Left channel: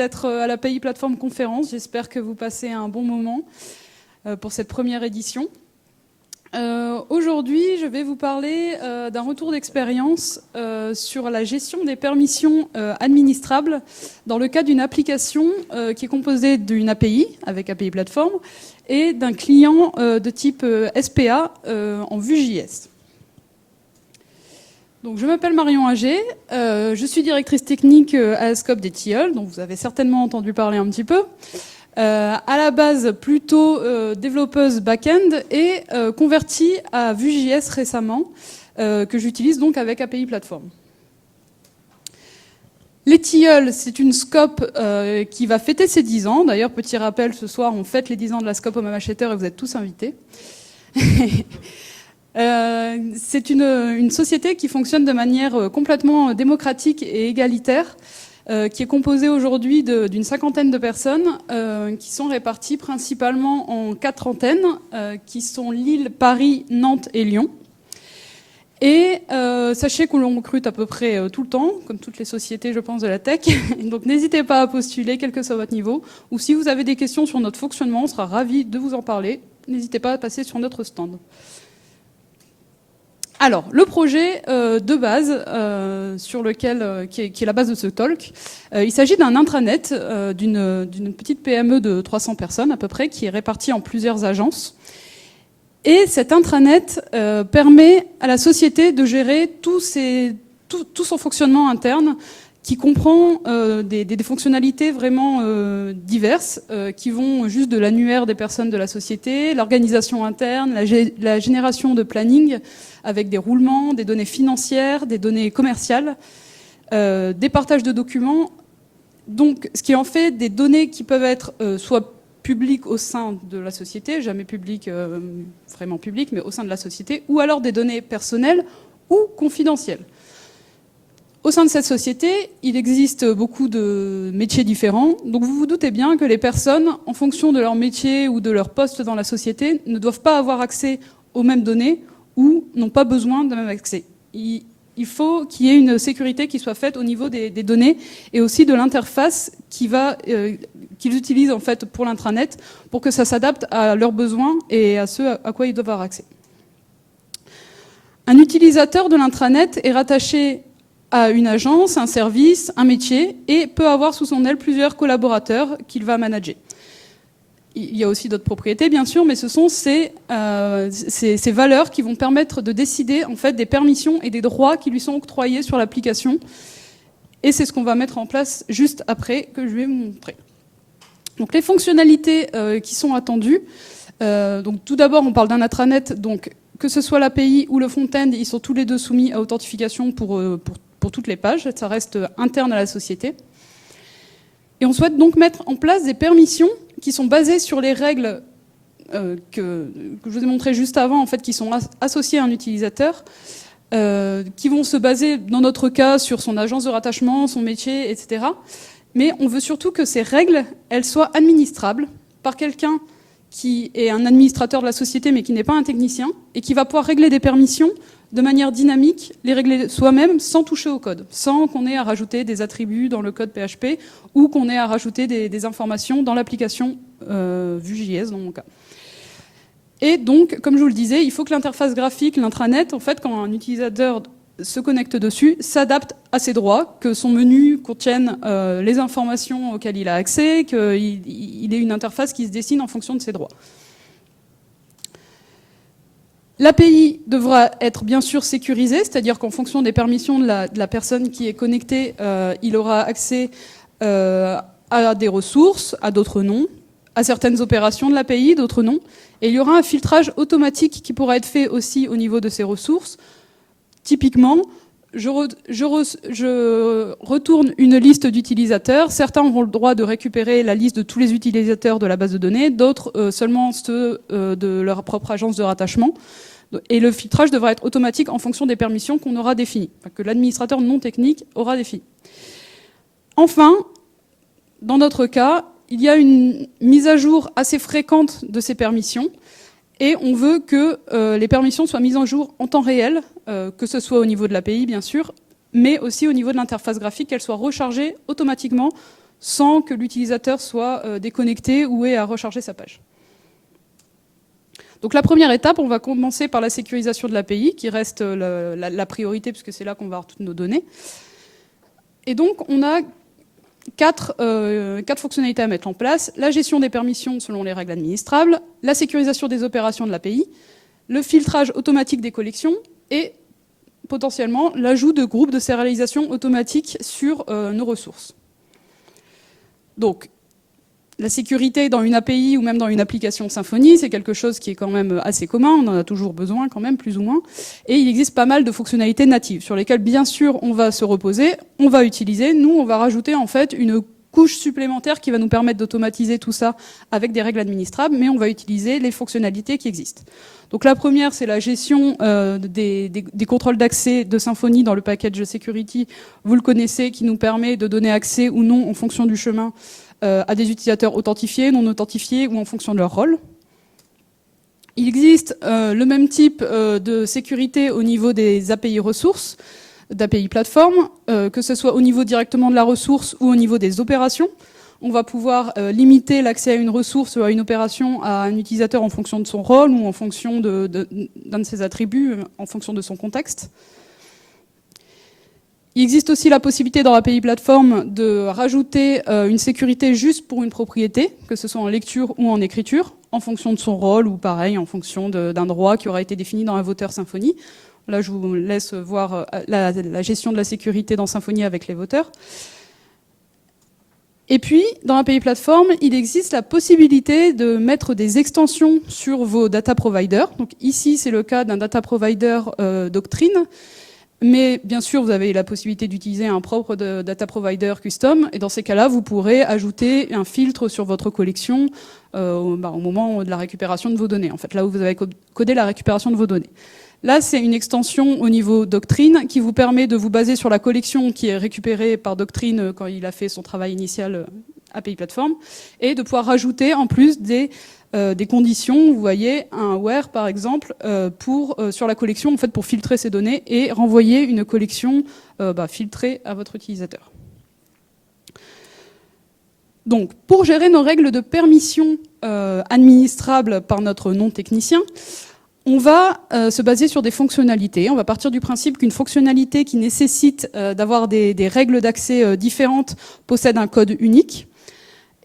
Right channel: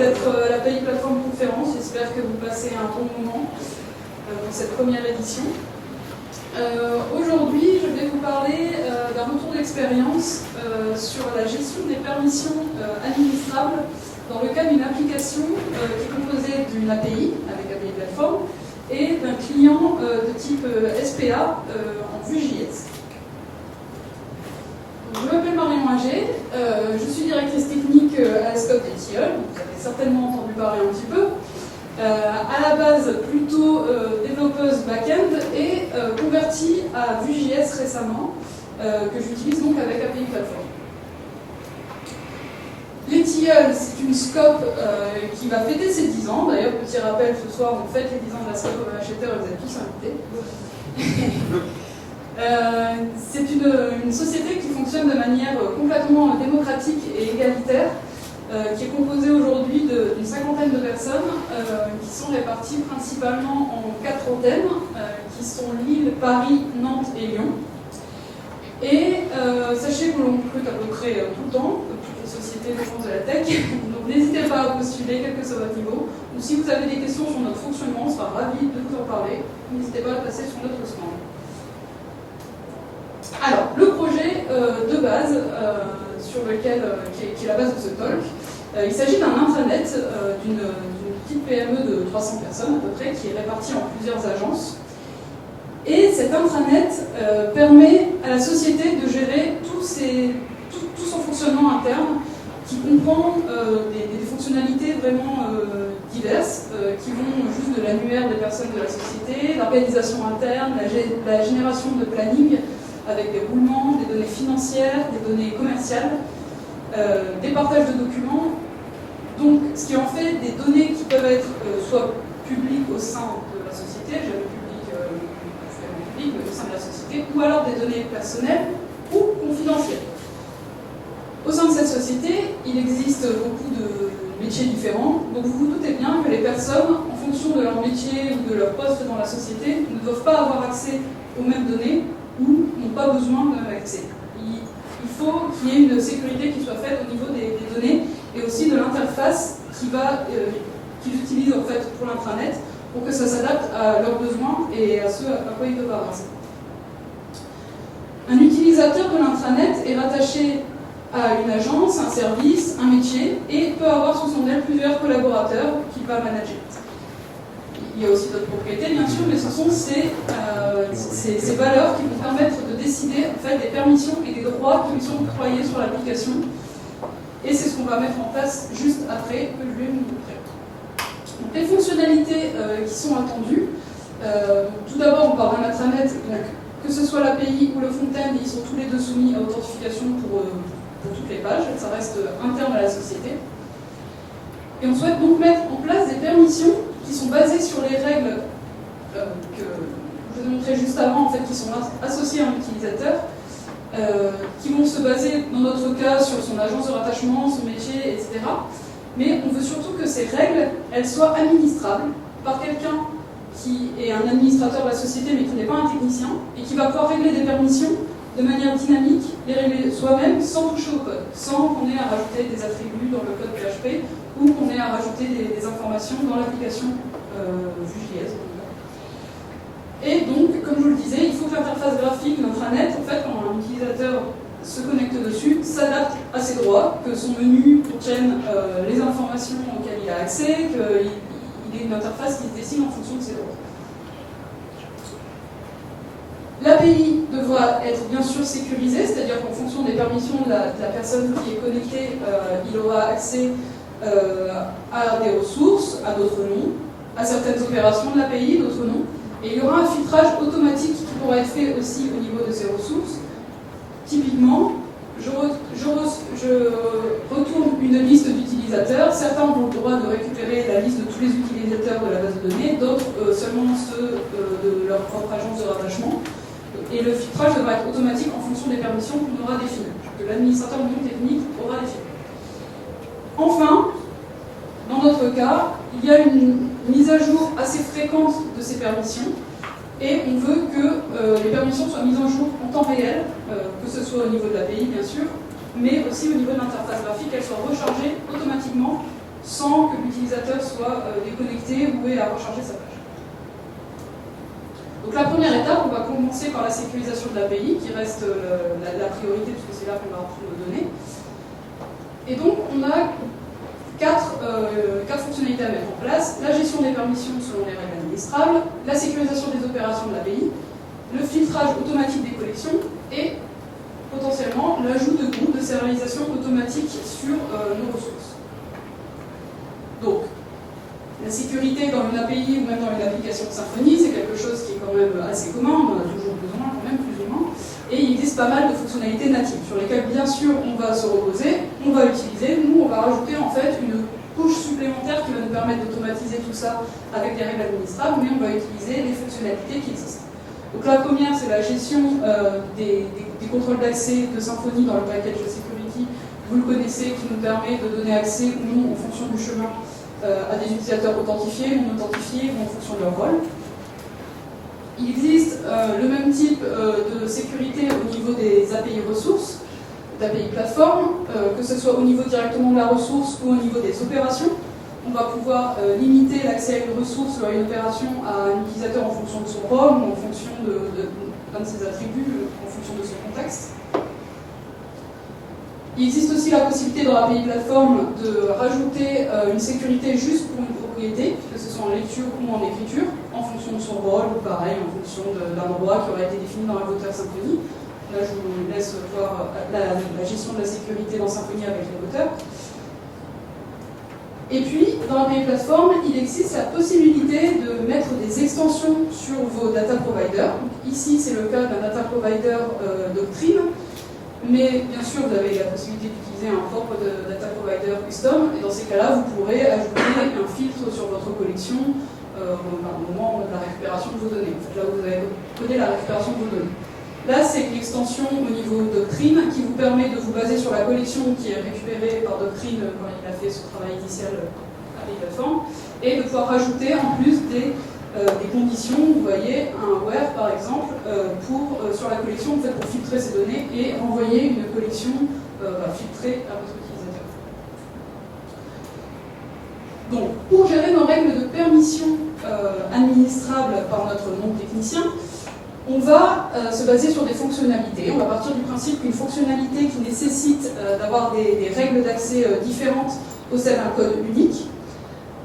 d'être à l'API Plateforme Conférence. J'espère que vous passez un bon moment pour cette première édition. Aujourd'hui, je vais vous parler d'un retour d'expérience sur la gestion des permissions administrables dans le cadre d'une application qui est composée d'une API, avec API Plateforme, et d'un client de type SPA en Vue.js. Je m'appelle Marion Agé, je suis directrice technique à la SCOP des Tilleuls, donc vous avez certainement entendu parler un petit peu. À la base plutôt développeuse back-end et convertie à Vue.js récemment, que j'utilise donc avec API Plateforme. Les Tilleuls, c'est une SCOP qui va fêter ses 10 ans. D'ailleurs, petit rappel, ce soir, on fête les 10 ans de la SCOP au MHETer et vous êtes tous invités. C'est une société qui fonctionne de manière complètement démocratique et égalitaire, qui est composée aujourd'hui d'une cinquantaine de personnes qui sont réparties principalement en 4 antennes, qui sont Lille, Paris, Nantes et Lyon. Et sachez qu'on recrute à peu près tout le temps, comme toutes les sociétés, je pense, de la tech. Donc n'hésitez pas à postuler, quel que soit votre niveau. Ou si vous avez des questions sur notre fonctionnement, on sera ravis de vous en parler. N'hésitez pas à passer sur notre stand. Alors, le projet de base, sur lequel, qui est la base de ce talk, il s'agit d'un intranet d'une petite PME de 300 personnes à peu près, qui est répartie en plusieurs agences. Et cet intranet permet à la société de gérer tout son fonctionnement interne, qui comprend des fonctionnalités vraiment diverses, qui vont juste de l'annuaire des personnes de la société, l'organisation interne, la génération de planning, avec des roulements, des données financières, des données commerciales, des partages de documents. Donc, ce qui en fait des données qui peuvent être soit publiques au sein de la société, jamais publiques, vraiment publiques, mais au sein de la société, ou alors des données personnelles ou confidentielles. Au sein de cette société, il existe beaucoup de métiers différents, donc vous vous doutez bien que les personnes, en fonction de leur métier ou de leur poste dans la société, ne doivent pas avoir accès aux mêmes données ou n'ont pas besoin d'un accès. Il faut qu'il y ait une sécurité qui soit faite au niveau des données et aussi de l'interface qu'ils utilisent en fait pour l'intranet pour que ça s'adapte à leurs besoins et à ce à quoi ils doivent avoir accès. Un utilisateur de l'intranet est rattaché à une agence, un service, un métier et peut avoir sous son aile plusieurs collaborateurs qu'il va manager. Il y a aussi d'autres propriétés, bien sûr, mais ce sont ces valeurs qui vont permettre de décider en fait, des permissions et des droits qui lui sont octroyés sur l'application. Et c'est ce qu'on va mettre en place juste après, que je vais vous montrer. Donc, les fonctionnalités qui sont attendues. Donc, tout d'abord, on parle d'un intranet. Donc, que ce soit l'API ou le front-end, ils sont tous les deux soumis à authentification pour toutes les pages. Ça reste interne à la société. Et on souhaite donc mettre en place des permissions qui sont basées sur les règles que je vous ai montrées juste avant, en fait, qui sont associées à un utilisateur, qui vont se baser, dans notre cas, sur son agence de rattachement, son métier, etc. Mais on veut surtout que ces règles, elles soient administrables par quelqu'un qui est un administrateur de la société, mais qui n'est pas un technicien, et qui va pouvoir régler des permissions de manière dynamique, les régler soi-même sans toucher au code, sans qu'on ait à rajouter des attributs dans le code PHP ou qu'on ait à rajouter des informations dans l'application Vue.js dans mon cas. Et donc, comme je vous le disais, il faut que l'interface graphique, l'intranet, en fait, quand un utilisateur se connecte dessus, s'adapte à ses droits, que son menu contienne les informations auxquelles il a accès, qu'il ait une interface qui se dessine en fonction de ses droits. L'API devra être bien sûr sécurisée, c'est-à-dire qu'en fonction des permissions de la personne qui est connectée, il aura accès à des ressources, à d'autres non, à certaines opérations de l'API, d'autres non. Et il y aura un filtrage automatique qui pourra être fait aussi au niveau de ces ressources. Typiquement, je retourne une liste d'utilisateurs. Certains auront le droit de récupérer la liste de tous les utilisateurs de la base de données, d'autres seulement ceux de leur propre agence de rattachement. Et le filtrage devra être automatique en fonction des permissions qu'on aura définies, que l'administrateur non technique aura définies. Enfin, dans notre cas, il y a une mise à jour assez fréquente de ces permissions et on veut que les permissions soient mises en jour en temps réel, que ce soit au niveau de l'API bien sûr, mais aussi au niveau de l'interface graphique, qu'elle soit rechargée automatiquement sans que l'utilisateur soit déconnecté ou ait à recharger sa page. Donc la première étape, on va commencer par la sécurisation de l'API, qui reste la priorité, puisque c'est là qu'on va retrouver nos données. Et donc on a quatre fonctionnalités à mettre en place: la gestion des permissions selon les règles administrables, la sécurisation des opérations de l'API, le filtrage automatique des collections et potentiellement l'ajout de groupes de sérialisation automatique sur nos ressources. Donc, la sécurité dans une API ou même dans une application Symfony, c'est quelque chose qui est quand même assez commun, on en a toujours besoin quand même, plus ou moins. Et il existe pas mal de fonctionnalités natives sur lesquelles, bien sûr, on va se reposer, on va utiliser. Nous, on va rajouter en fait une couche supplémentaire qui va nous permettre d'automatiser tout ça avec des règles administrables, mais on va utiliser les fonctionnalités qui existent. Donc la première, c'est la gestion des contrôles d'accès de Symfony dans le package security. Vous le connaissez, qui nous permet de donner accès ou non en fonction du chemin à des utilisateurs authentifiés, non authentifiés ou en fonction de leur rôle. Il existe le même type de sécurité au niveau des API ressources, d'API plateforme, que ce soit au niveau directement de la ressource ou au niveau des opérations. On va pouvoir limiter l'accès à une ressource ou à une opération à un utilisateur en fonction de son rôle ou en fonction d'un de ses attributs, en fonction de son contexte. Il existe aussi la possibilité dans l'API plateforme de rajouter une sécurité juste pour une propriété, que ce soit en lecture ou en écriture, en fonction de son rôle ou pareil, en fonction d'un droit qui aura été défini dans un voteur Symfony. Là, je vous laisse voir la gestion de la sécurité dans Symfony avec les voteurs. Et puis, dans l'API plateforme, il existe la possibilité de mettre des extensions sur vos data providers. Donc, ici, c'est le cas d'un data provider Doctrine. Mais bien sûr, vous avez la possibilité d'utiliser un propre data provider custom. Et dans ces cas-là, vous pourrez ajouter un filtre sur votre collection au moment de la récupération de vos données. En fait, là où vous avez codé la récupération de vos données. Là, c'est une extension au niveau Doctrine qui vous permet de vous baser sur la collection qui est récupérée par Doctrine quand il a fait son travail initial API Platform et de pouvoir rajouter en plus des conditions, vous voyez, un where par exemple, sur la collection en fait, pour filtrer ces données et renvoyer une collection filtrée à votre utilisateur. Donc, pour gérer nos règles de permission administrables par notre non-technicien, on va se baser sur des fonctionnalités. On va partir du principe qu'une fonctionnalité qui nécessite d'avoir des règles d'accès différentes possède un code unique.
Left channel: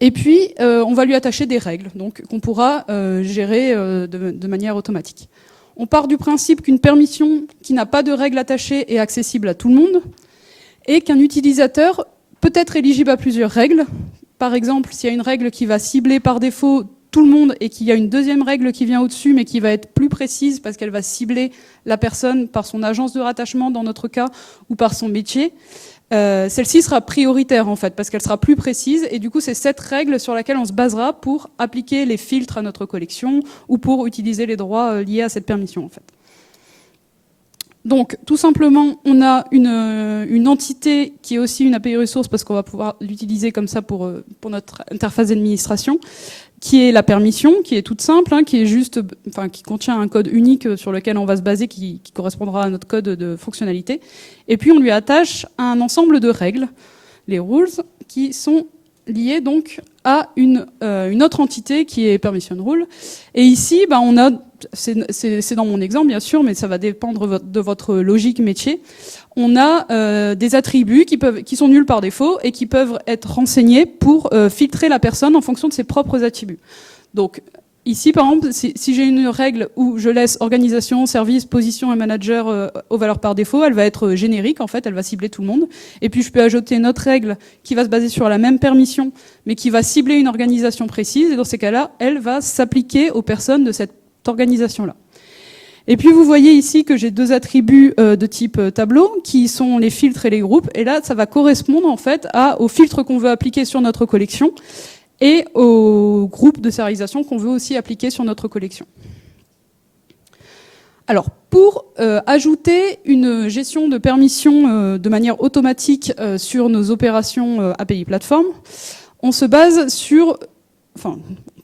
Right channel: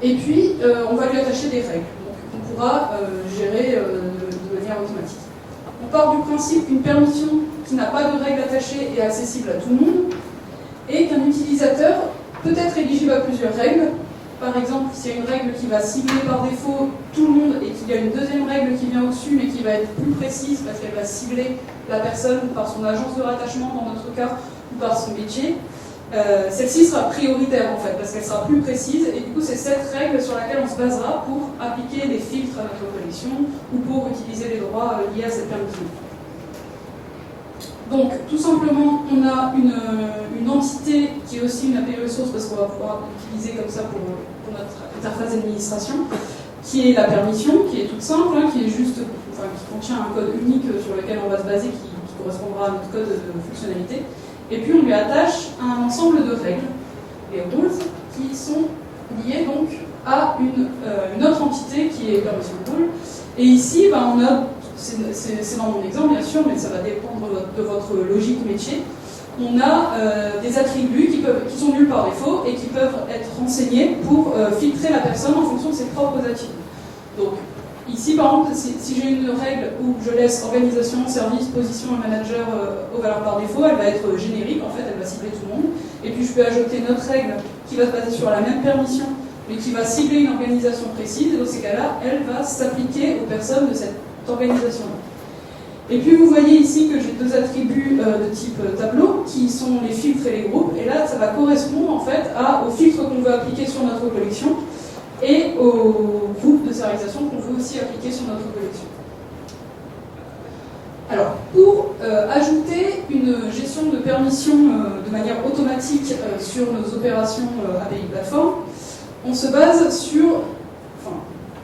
Et puis, on va lui attacher des règles, donc qu'on pourra gérer de manière automatique. On part du principe qu'une permission qui n'a pas de règles attachées est accessible à tout le monde, et qu'un utilisateur peut être éligible à plusieurs règles. Par exemple, s'il y a une règle qui va cibler par défaut tout le monde et qu'il y a une deuxième règle qui vient au-dessus mais qui va être plus précise parce qu'elle va cibler la personne par son agence de rattachement dans notre cas ou par son métier, celle-ci sera prioritaire en fait parce qu'elle sera plus précise et du coup c'est cette règle sur laquelle on se basera pour appliquer les filtres à notre collection ou pour utiliser les droits liés à cette permission. Donc, tout simplement, on a une entité qui est aussi une API ressource parce qu'on va pouvoir l'utiliser comme ça pour notre interface d'administration, qui est la permission, qui est toute simple, qui est juste, qui contient un code unique sur lequel on va se baser, qui correspondra à notre code de fonctionnalité. Et puis, on lui attache un ensemble de règles, les rules, qui sont liées donc à une autre entité qui est permission rule. Et ici, on a, c'est dans mon exemple bien sûr, mais ça va dépendre de votre logique métier. On a des attributs qui sont nuls par défaut et qui peuvent être renseignés pour filtrer la personne en fonction de ses propres attributs. Donc ici, par exemple, si j'ai une règle où je laisse organisation, service, position et manager aux valeurs par défaut, elle va être générique en fait, elle va cibler tout le monde. Et puis je peux ajouter une autre règle qui va se baser sur la même permission mais qui va cibler une organisation précise, et dans ces cas-là, elle va s'appliquer aux personnes de cette organisation-là. Et puis vous voyez ici que j'ai deux attributs de type tableau, qui sont les filtres et les groupes, et là, ça va correspondre en fait aux filtres qu'on veut appliquer sur notre collection, et aux groupes de sérialisation qu'on veut aussi appliquer sur notre collection. Alors, pour ajouter une gestion de permission de manière automatique sur nos opérations API Platform, on se base sur, en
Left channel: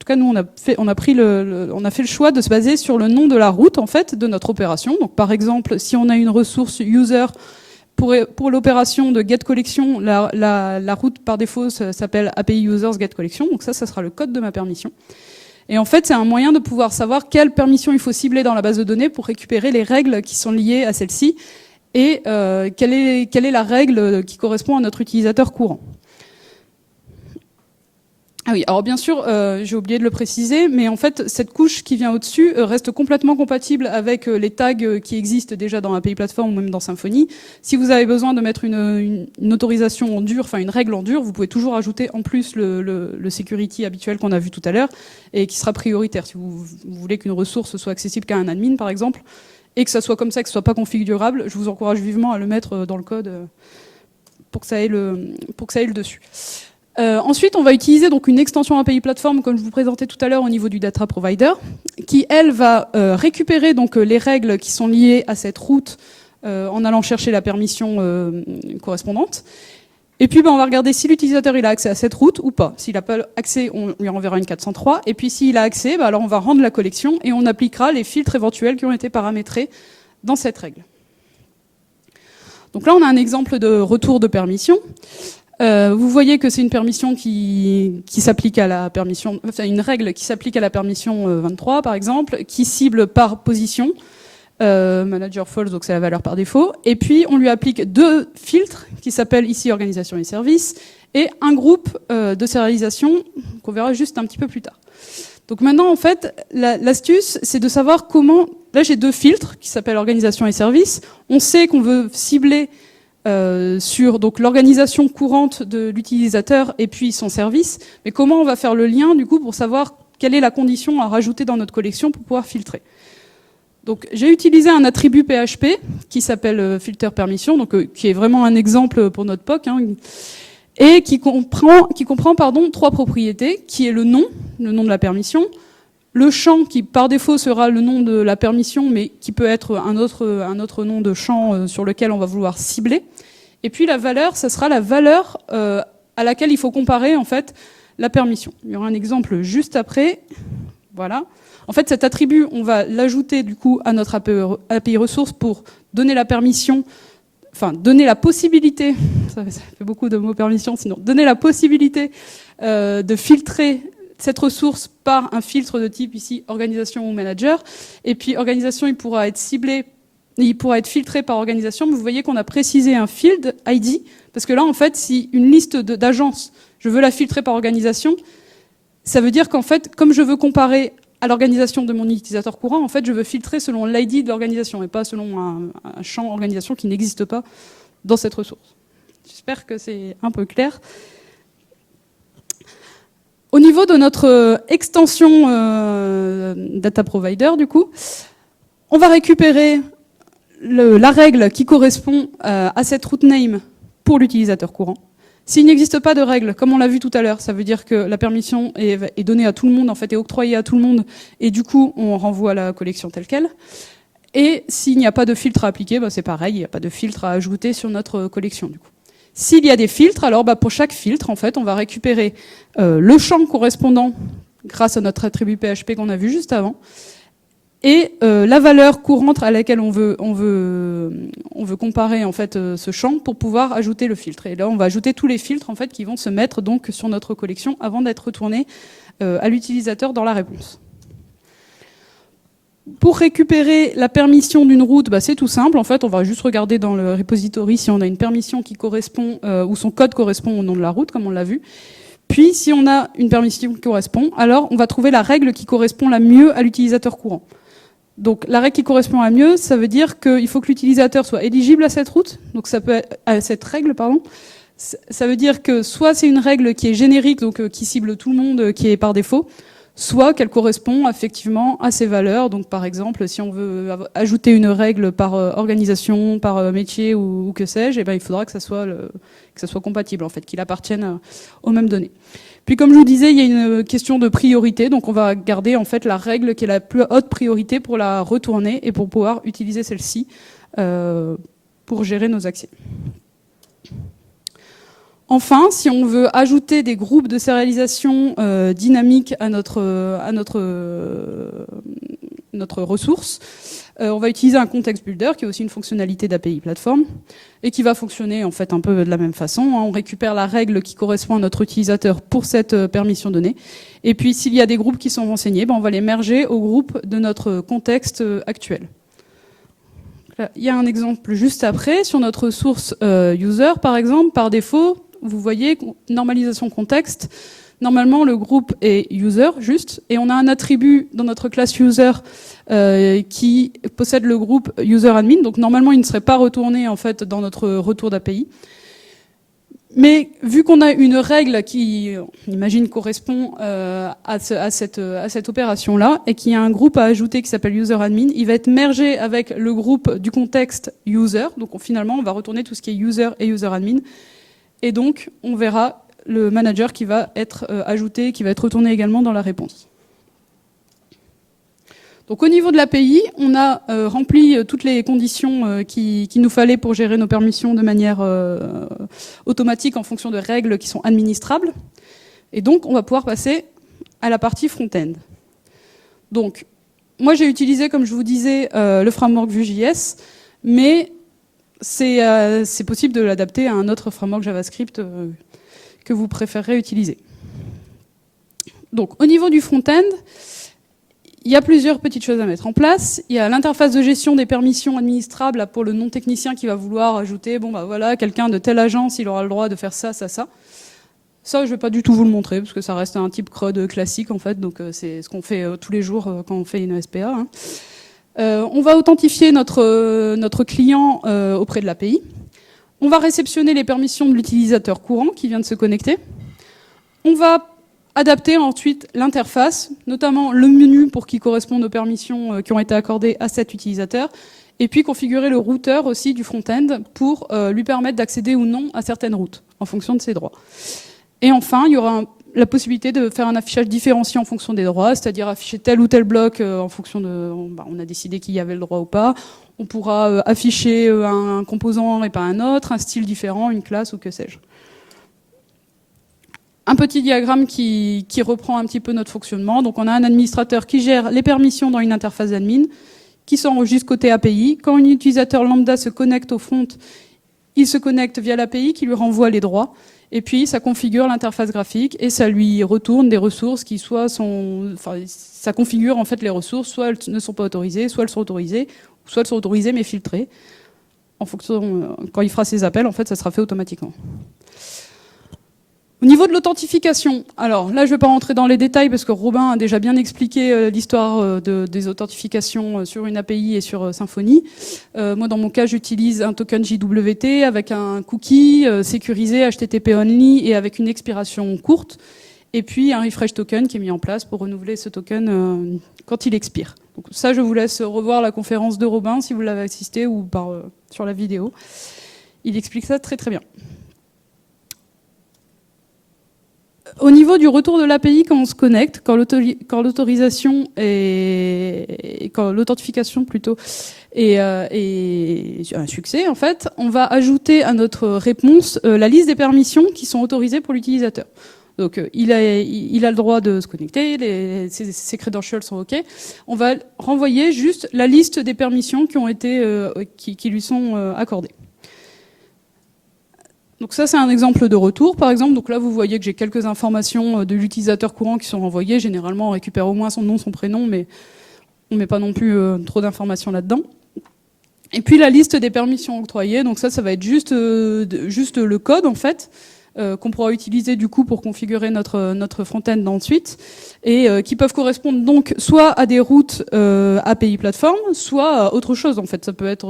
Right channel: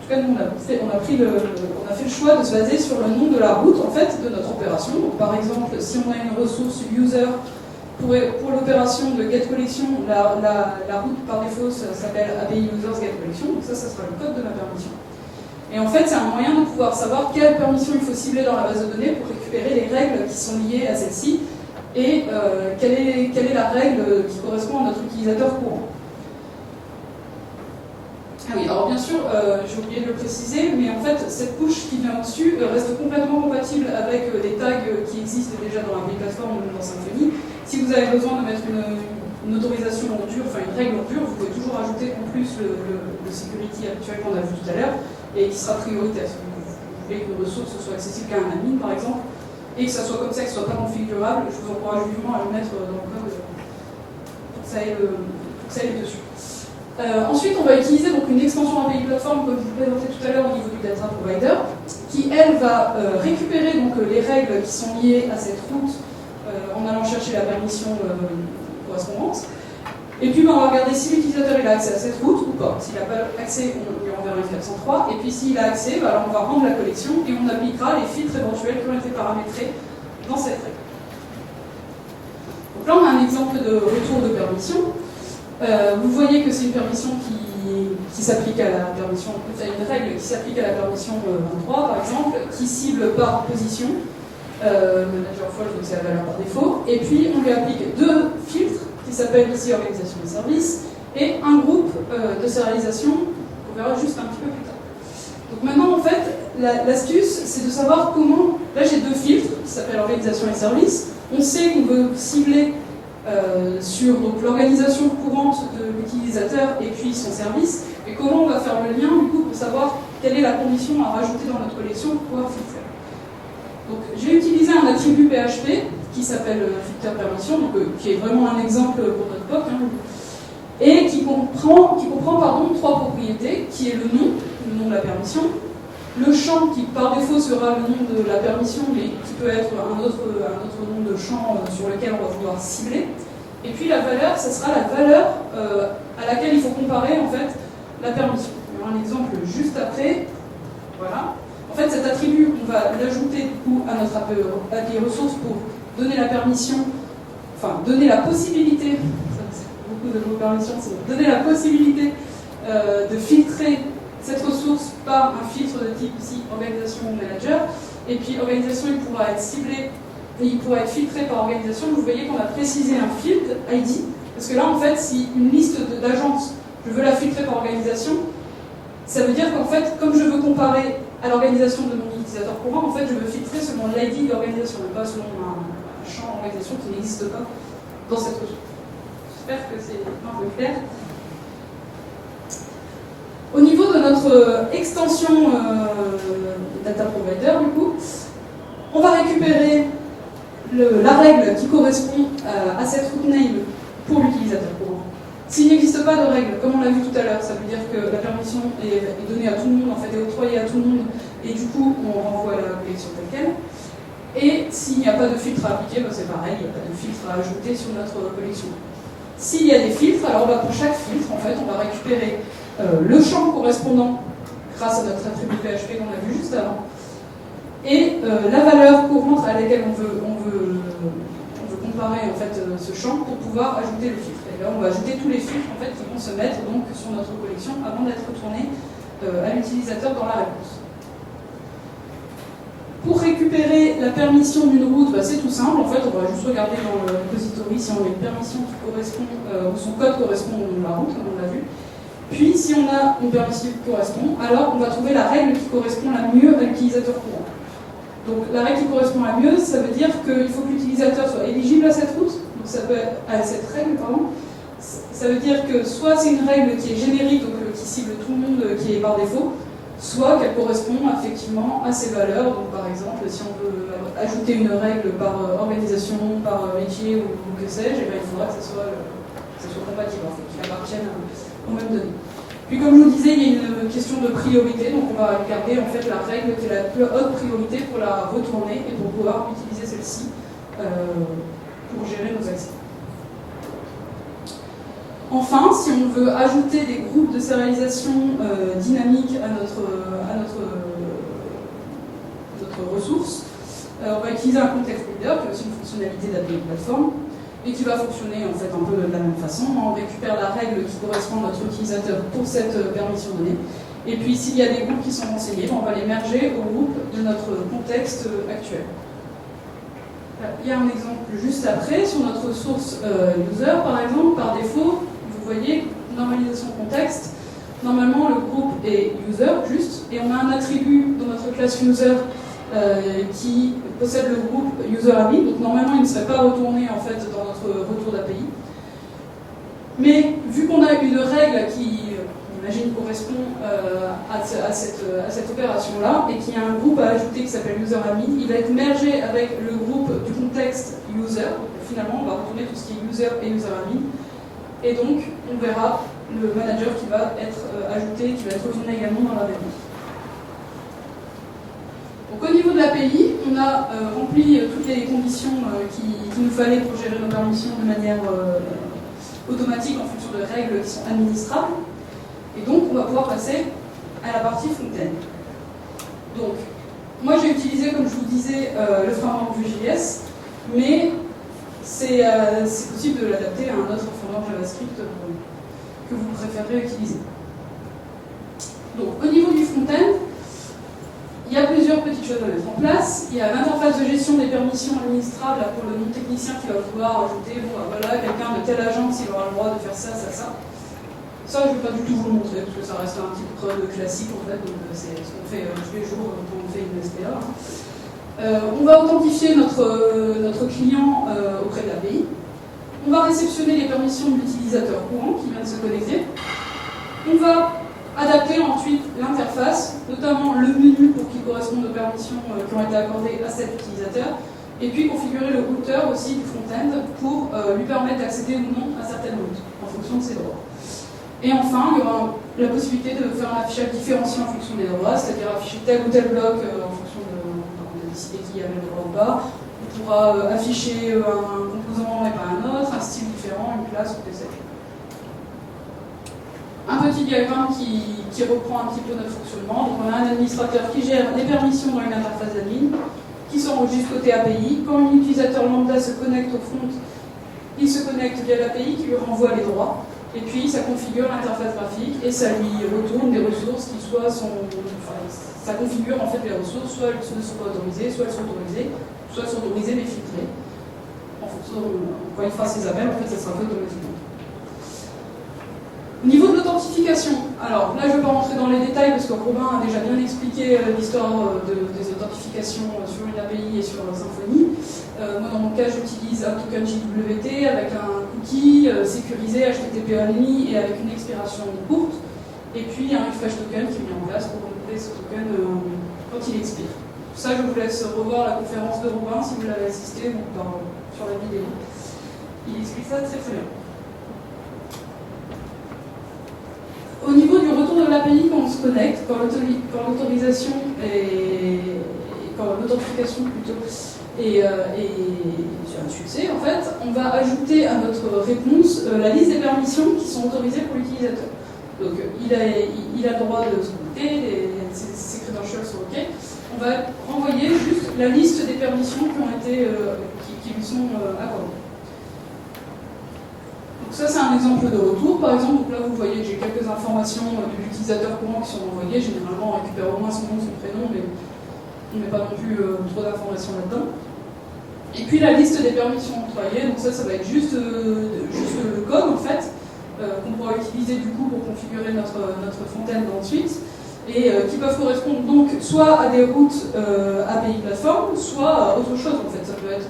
tout cas nous on a fait le choix de se baser sur le nom de la route en fait de notre opération. Donc par exemple, si on a une ressource user pour l'opération de getCollection, la route par défaut s'appelle API Users getCollection, donc ça sera le code de ma permission. Et en fait, c'est un moyen de pouvoir savoir quelle permission il faut cibler dans la base de données pour récupérer les règles qui sont liées à celle-ci et quelle est la règle qui correspond à notre utilisateur courant. Ah oui, alors bien sûr, j'ai oublié de le préciser, mais en fait, cette couche qui vient au-dessus reste complètement compatible avec les tags qui existent déjà dans API Platform ou même dans Symfony. Si vous avez besoin de mettre une autorisation en dur, enfin une règle en dur, vous pouvez toujours ajouter en plus le security habituel qu'on a vu tout à l'heure et qui sera prioritaire. Si vous voulez qu'une ressource soit accessible qu'à un admin, par exemple, et que ça soit comme ça, que ce soit pas configurable, je vous encourage vivement à le mettre dans le code pour que ça ait le dessus. Ensuite, on va utiliser donc une extension API Platform, comme je vous présentais tout à l'heure, au niveau du data provider, qui, elle, va récupérer donc, les règles qui sont liées à cette route en allant chercher la permission correspondante. Et puis, on va regarder si l'utilisateur il a accès à cette route ou pas. S'il n'a pas accès, on lui renverra une 403. Et puis, s'il a accès, alors on va rendre la collection et on appliquera les filtres éventuels qui ont été paramétrés dans cette règle. Donc là, on a un exemple de retour de permission. Vous voyez que c'est une permission qui s'applique à la permission, enfin une règle qui s'applique à la permission 23 par exemple, qui cible par position, manager false, donc c'est la valeur par défaut, et puis on lui applique deux filtres qui s'appellent ici organisation et service, et un groupe de sérialisation qu'on verra juste un petit peu plus tard. Donc maintenant en fait, l'astuce c'est de savoir comment, là j'ai deux filtres qui s'appellent organisation et service, on sait qu'on veut cibler sur l'organisation courante de l'utilisateur et puis son service, et comment on va faire le lien du coup pour savoir quelle est la condition à rajouter dans notre collection pour pouvoir filtrer. Donc j'ai utilisé un attribut PHP qui s'appelle filter permission, donc, qui est vraiment un exemple pour notre POC, hein, et qui comprend trois propriétés, qui est le nom de la permission, le champ qui par défaut sera le nom de la permission, mais qui peut être un autre nom de champ sur lequel on va vouloir cibler. Et puis la valeur, ça sera la valeur à laquelle il faut comparer en fait la permission. Il y aura un exemple juste après. Voilà. En fait, cet attribut, on va l'ajouter du coup à notre API ressource pour donner la permission, enfin donner la possibilité, ça fait beaucoup de mots permission sinon, donner la possibilité de filtrer cette ressource par un filtre de type ici organisation ou manager, et puis organisation il pourra être ciblé, il pourra être filtré par organisation, mais vous voyez qu'on a précisé un field ID, parce que là en fait si une liste d'agences, je veux la filtrer par organisation, ça veut dire qu'en fait comme je veux comparer à l'organisation de mon utilisateur courant, en fait je veux filtrer selon l'ID de l'organisation, et pas selon un champ organisation qui n'existe pas dans cette ressource. J'espère que c'est un peu clair. Au niveau de notre extension data provider, du coup, on va récupérer la règle qui correspond à cette route name pour l'utilisateur courant. S'il n'existe pas de règle, comme on l'a vu tout à l'heure, ça veut dire que la permission est donnée à tout le monde, en fait, est octroyée à tout le monde, et du coup, on renvoie la collection telle qu'elle. Et s'il n'y a pas de filtre à appliquer, c'est pareil, il n'y a pas de filtre à ajouter sur notre collection. S'il y a des filtres, alors pour chaque filtre, en fait, on va récupérer le champ correspondant grâce à notre attribut PHP qu'on a vu juste avant, et la valeur courante à laquelle on veut comparer en fait ce champ pour pouvoir ajouter le filtre. Et là, on va ajouter tous les filtres en fait qui vont se mettre donc sur notre collection avant d'être retournés à l'utilisateur dans la réponse. Pour récupérer la permission d'une route, c'est tout simple. En fait, on va juste regarder dans le repository si on a une permission qui correspond ou son code correspond au nom de la route, comme on l'a vu. Puis, si on a une permission qui correspond, alors on va trouver la règle qui correspond la mieux à l'utilisateur courant. Donc, la règle qui correspond la mieux, ça veut dire qu'il faut que l'utilisateur soit éligible à cette route, donc ça peut être, à cette règle, pardon. Ça veut dire que soit c'est une règle qui est générique, donc qui cible tout le monde, qui est par défaut, soit qu'elle correspond effectivement à ces valeurs. Donc, par exemple, si on veut ajouter une règle par organisation, par métier ou que sais-je, il faudra que ça soit compatible, en fait, qu'il appartienne aux mêmes données. Puis comme je vous disais, il y a une question de priorité, donc on va garder en fait la règle qui est la plus haute priorité pour la retourner et pour pouvoir utiliser celle-ci pour gérer nos accès. Enfin, si on veut ajouter des groupes de sérialisation dynamiques à notre ressource, on va utiliser un context builder qui est aussi une fonctionnalité d'API Platform. et qui va fonctionner en fait un peu de la même façon. On récupère la règle qui correspond à notre utilisateur pour cette permission donnée. Et puis s'il y a des groupes qui sont renseignés, on va les merger au groupe de notre contexte actuel. Il y a un exemple juste après, sur notre source user par exemple, par défaut, vous voyez, normalisation contexte, normalement le groupe est user juste, et on a un attribut dans notre classe user qui possède le groupe user admin, donc normalement il ne serait pas retourné en fait dans notre retour d'API. Mais vu qu'on a une règle qui, on imagine, correspond à cette opération-là, et qu'il y a un groupe à ajouter qui s'appelle user-admin, il va être mergé avec le groupe du contexte user. Donc finalement, on va retourner tout ce qui est user et user-admin. Et donc, on verra le manager qui va être ajouté, qui va être retourné également dans la réponse. Donc au niveau de l'API, on a rempli toutes les conditions qu'il nous fallait pour gérer nos permissions de manière automatique en fonction de règles qui sont administrables. Et donc, on va pouvoir passer à la partie front-end. Donc, moi j'ai utilisé, comme je vous disais, le framework Vue.js, mais c'est possible de l'adapter à un autre framework JavaScript que vous préférez utiliser. Donc, au niveau du front-end, il y a plusieurs petites choses à mettre en place. Il y a l'interface de gestion des permissions administrables pour le non-technicien qui va vouloir ajouter, bon bah voilà, quelqu'un de telle agence, il aura le droit de faire ça, ça, ça. Ça, je ne vais pas du tout vous le montrer, parce que ça reste un type CRUD classique, en fait, donc c'est ce qu'on fait tous les jours quand on fait une SPA. On va authentifier notre client auprès de l'API. On va réceptionner les permissions de l'utilisateur courant qui vient de se connecter. On va adapter ensuite l'interface, notamment le menu pour qu'il corresponde aux permissions qui ont été accordées à cet utilisateur, et puis configurer le routeur aussi du front-end pour lui permettre d'accéder ou non à certaines routes, en fonction de ses droits. Et enfin, il y aura la possibilité de faire un affichage différencié en fonction des droits, c'est-à-dire afficher tel ou tel bloc en fonction de... On a décidé qu'il y avait le droit ou pas. On pourra afficher un composant et pas un autre, un style différent, une classe ou que sais-je. Un petit diagramme qui reprend un petit peu notre fonctionnement. Donc on a un administrateur qui gère les permissions dans une interface admin, qui s'enregistre côté API. Quand un utilisateur lambda se connecte au front, il se connecte via l'API qui lui renvoie les droits. Et puis ça configure l'interface graphique et ça lui retourne des ressources qui soit sont... Enfin, ça configure en fait les ressources, soit elles ne sont pas autorisées, soit elles sont autorisées mais filtrées. En fonction, quand il fera ses appels, en fait, ça sera fait automatiquement. Au niveau de l'authentification, alors là je ne vais pas rentrer dans les détails parce que Robin a déjà bien expliqué l'histoire des authentifications sur une API et sur Symfony. Moi dans mon cas j'utilise un token JWT avec un cookie sécurisé HTTP only et avec une expiration courte, et puis un refresh token qui est mis en place pour renouveler ce token quand il expire. Ça je vous laisse revoir la conférence de Robin si vous l'avez assisté ou sur la vidéo. Il explique ça très très bien. Au niveau du retour de l'API, quand on se connecte, quand l'autorisation et quand l'authentification plutôt est un succès, en fait, on va ajouter à notre réponse la liste des permissions qui sont autorisées pour l'utilisateur. Donc il a le droit de se connecter, ses credentials sont OK. On va renvoyer juste la liste des permissions qui ont été, qui lui sont accordées. Donc ça c'est un exemple de retour par exemple. Donc là vous voyez que j'ai quelques informations de l'utilisateur courant qui sont renvoyées. Généralement on récupère au moins son nom, son prénom, mais on ne met pas non plus trop d'informations là-dedans. Et puis la liste des permissions octroyées, donc ça va être juste le code en fait, qu'on pourra utiliser du coup pour configurer notre front-end ensuite, et qui peuvent correspondre donc soit à des routes API plateforme, soit à autre chose en fait. Ça peut être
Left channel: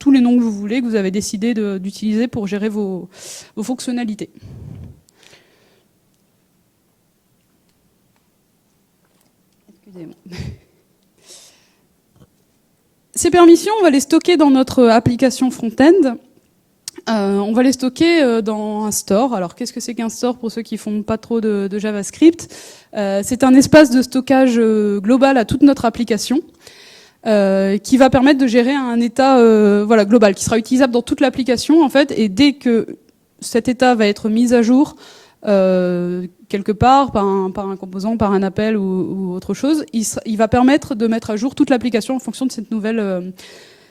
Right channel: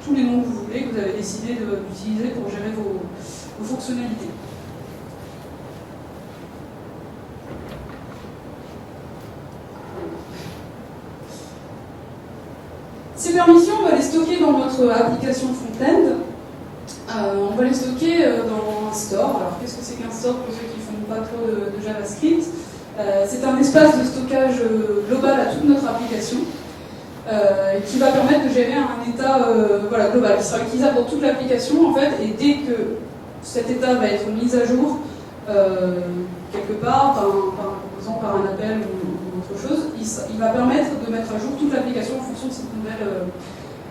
tous les noms que vous voulez, que vous avez décidé d'utiliser pour gérer vos fonctionnalités. Ces permissions, on va les stocker dans notre application front-end. On va les stocker dans un store. Alors, qu'est-ce que c'est qu'un store pour ceux qui ne font pas trop de JavaScript? C'est un espace de stockage global à toute notre application. Qui va permettre de gérer un état global, qui sera utilisable dans toute l'application en fait, et dès que cet état va être mis à jour quelque part par un composant, par un appel ou autre chose, il va permettre de mettre à jour toute l'application en fonction de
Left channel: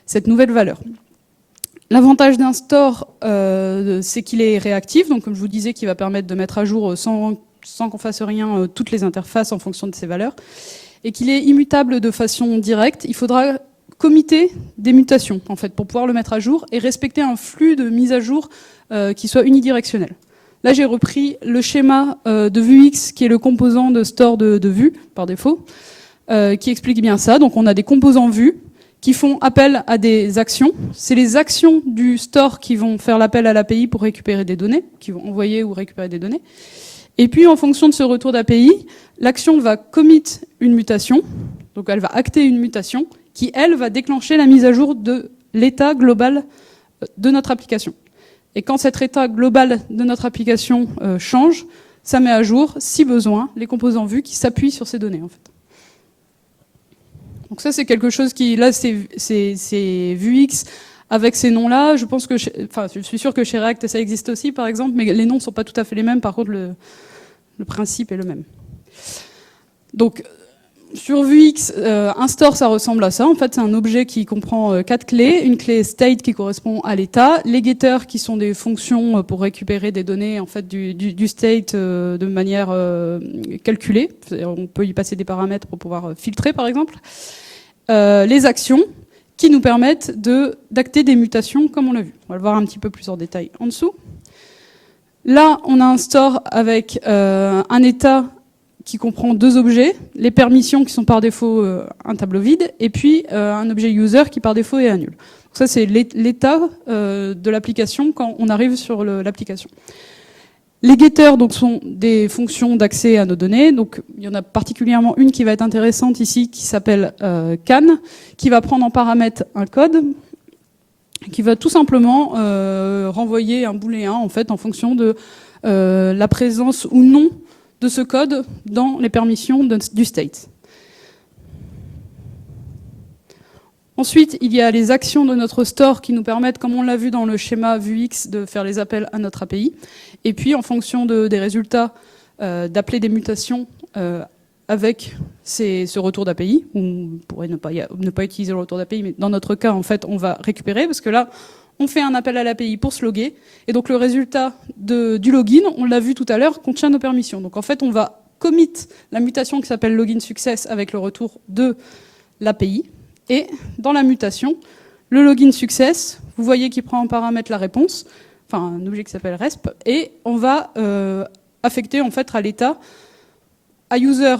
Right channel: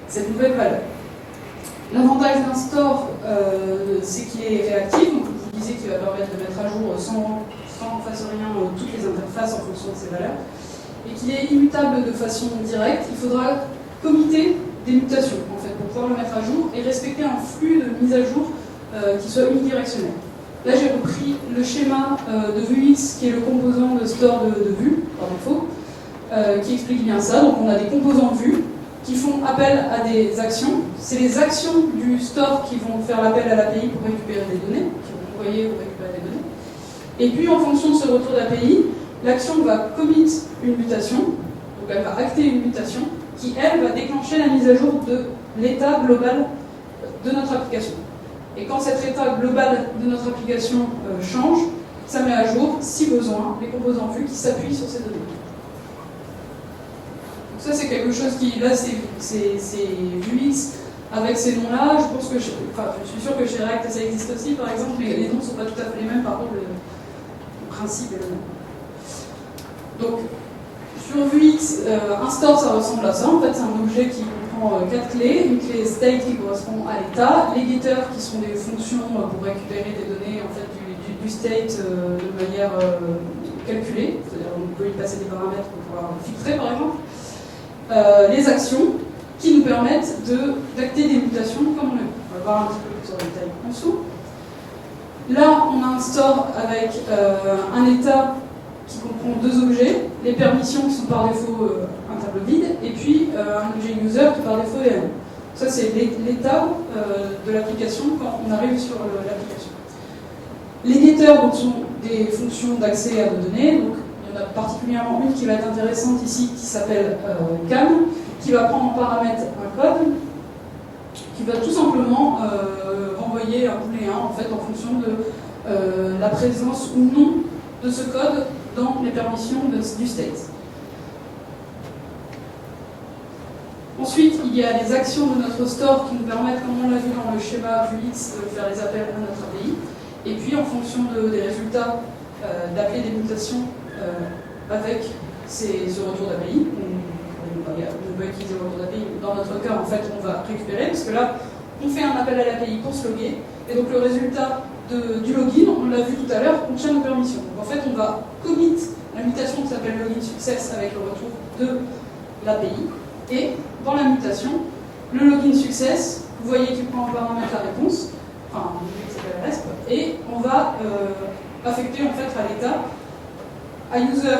cette nouvelle valeur. L'avantage d'un store, c'est qu'il est réactif, donc comme je vous disais, qu'il va permettre de mettre à jour sans qu'on fasse rien toutes les interfaces en fonction de ses valeurs, et qu'il est immutable de façon directe. Il faudra committer des mutations en fait, pour pouvoir le mettre à jour et respecter un flux de mise à jour qui soit unidirectionnel. Là, j'ai repris le schéma de Vuex, qui est le composant de store de vue, par défaut, qui explique bien ça. Donc on a des composants vue qui font appel à des actions. C'est les actions du store qui vont faire l'appel à l'API pour récupérer des données, qui vont envoyer ou récupérer des données. Et puis, en fonction de ce retour d'API, l'action va commit une mutation, donc elle va acter une mutation, qui, elle, va déclencher la mise à jour de l'état global de notre application. Et quand cet état global de notre application change, ça met à jour, si besoin, les composants vus qui s'appuient sur ces données. Donc ça, c'est quelque chose qui, là, c'est Vuex avec ces noms-là. Je pense que, je suis sûr que chez React, ça existe aussi, par exemple, mais les noms ne sont pas tout à fait les mêmes. Par contre, le principe est le même. Donc, sur Vuex, un store, ça ressemble à ça. En fait, c'est un objet qui comprend 4 clés. Une clé state qui correspond à l'état. Les getters qui sont des fonctions pour récupérer des données en fait, du state de manière calculée. On peut y passer des paramètres pour pouvoir filtrer, par exemple. Les actions qui nous permettent d'acter des mutations comme on l'a vu. On va le voir un petit peu plus en détail en dessous. Là, on a un store avec un état qui comprend 2 objets, les permissions qui sont par défaut un tableau vide, et puis un objet user qui par défaut est un nœud. Ça, c'est l'état de l'application quand on arrive sur l'application. Les getters donc, sont des fonctions d'accès à nos données. Donc, il y en a particulièrement une qui va être intéressante ici, qui s'appelle can, qui va prendre en paramètre un code, qui va tout simplement renvoyer un booléen en fait, en fonction de la présence ou non de ce code dans les permissions du state. Ensuite, il y a les actions de notre store qui nous permettent, comme on l'a vu dans le schéma Vuex, de faire les appels à notre API. Et puis, en fonction des résultats, d'appeler des mutations avec ce retour d'API. On pourrait ne pas utiliser le retour d'API, mais dans notre cas, en fait, on va récupérer, parce que là, on fait un appel à l'API pour se loguer. Et donc, le résultat du login, on l'a vu tout à l'heure, contient nos permissions. Donc, en fait, on va commit la mutation qui s'appelle login success avec le retour de l'API. Et dans la mutation, le login success, vous voyez qu'il prend en paramètre la réponse, enfin un objet qui s'appelle resp, et on va affecter en fait à l'état à user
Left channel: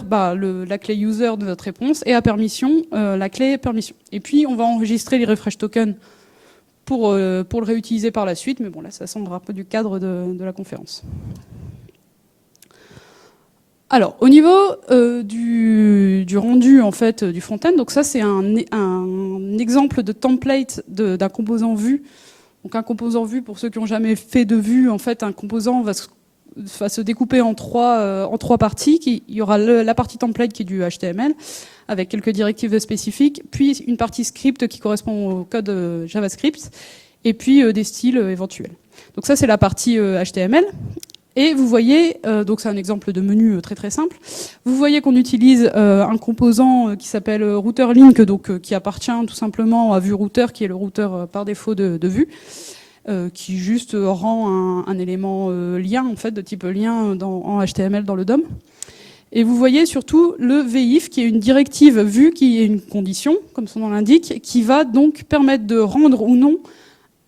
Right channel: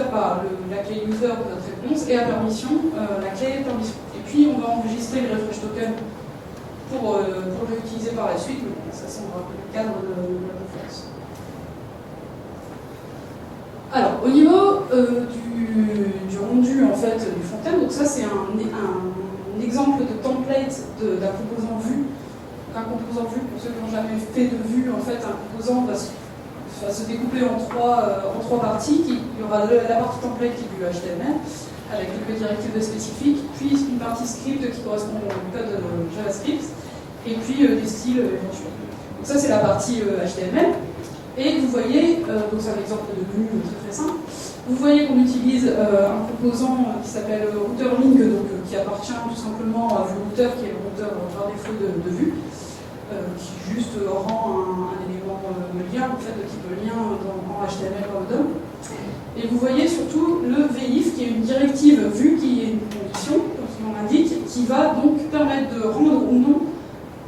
la clé user de notre réponse et à permission la clé permission. Et puis on va enregistrer les refresh tokens pour le réutiliser par la suite, mais bon, ça semblera un peu du cadre de la conférence. Alors, au niveau du rendu en fait, du front-end, donc ça c'est un exemple de template d'un composant vue. Donc un composant vue, pour ceux qui n'ont jamais fait de vue, en fait un composant va se découper en trois parties. Il y aura la partie template qui est du HTML, avec quelques directives spécifiques, puis une partie script qui correspond au code JavaScript, et puis des styles éventuels. Donc ça c'est la partie HTML. Et vous voyez, donc c'est un exemple de menu très très simple, vous voyez qu'on utilise un composant qui s'appelle router-link, donc qui appartient tout simplement à VueRouter, qui est le routeur par défaut de Vue, qui juste rend un élément lien, en fait, de type lien en HTML dans le DOM. Et vous voyez surtout le VIF, qui est une directive Vue, qui est une condition, comme son nom l'indique, qui va donc permettre de rendre ou non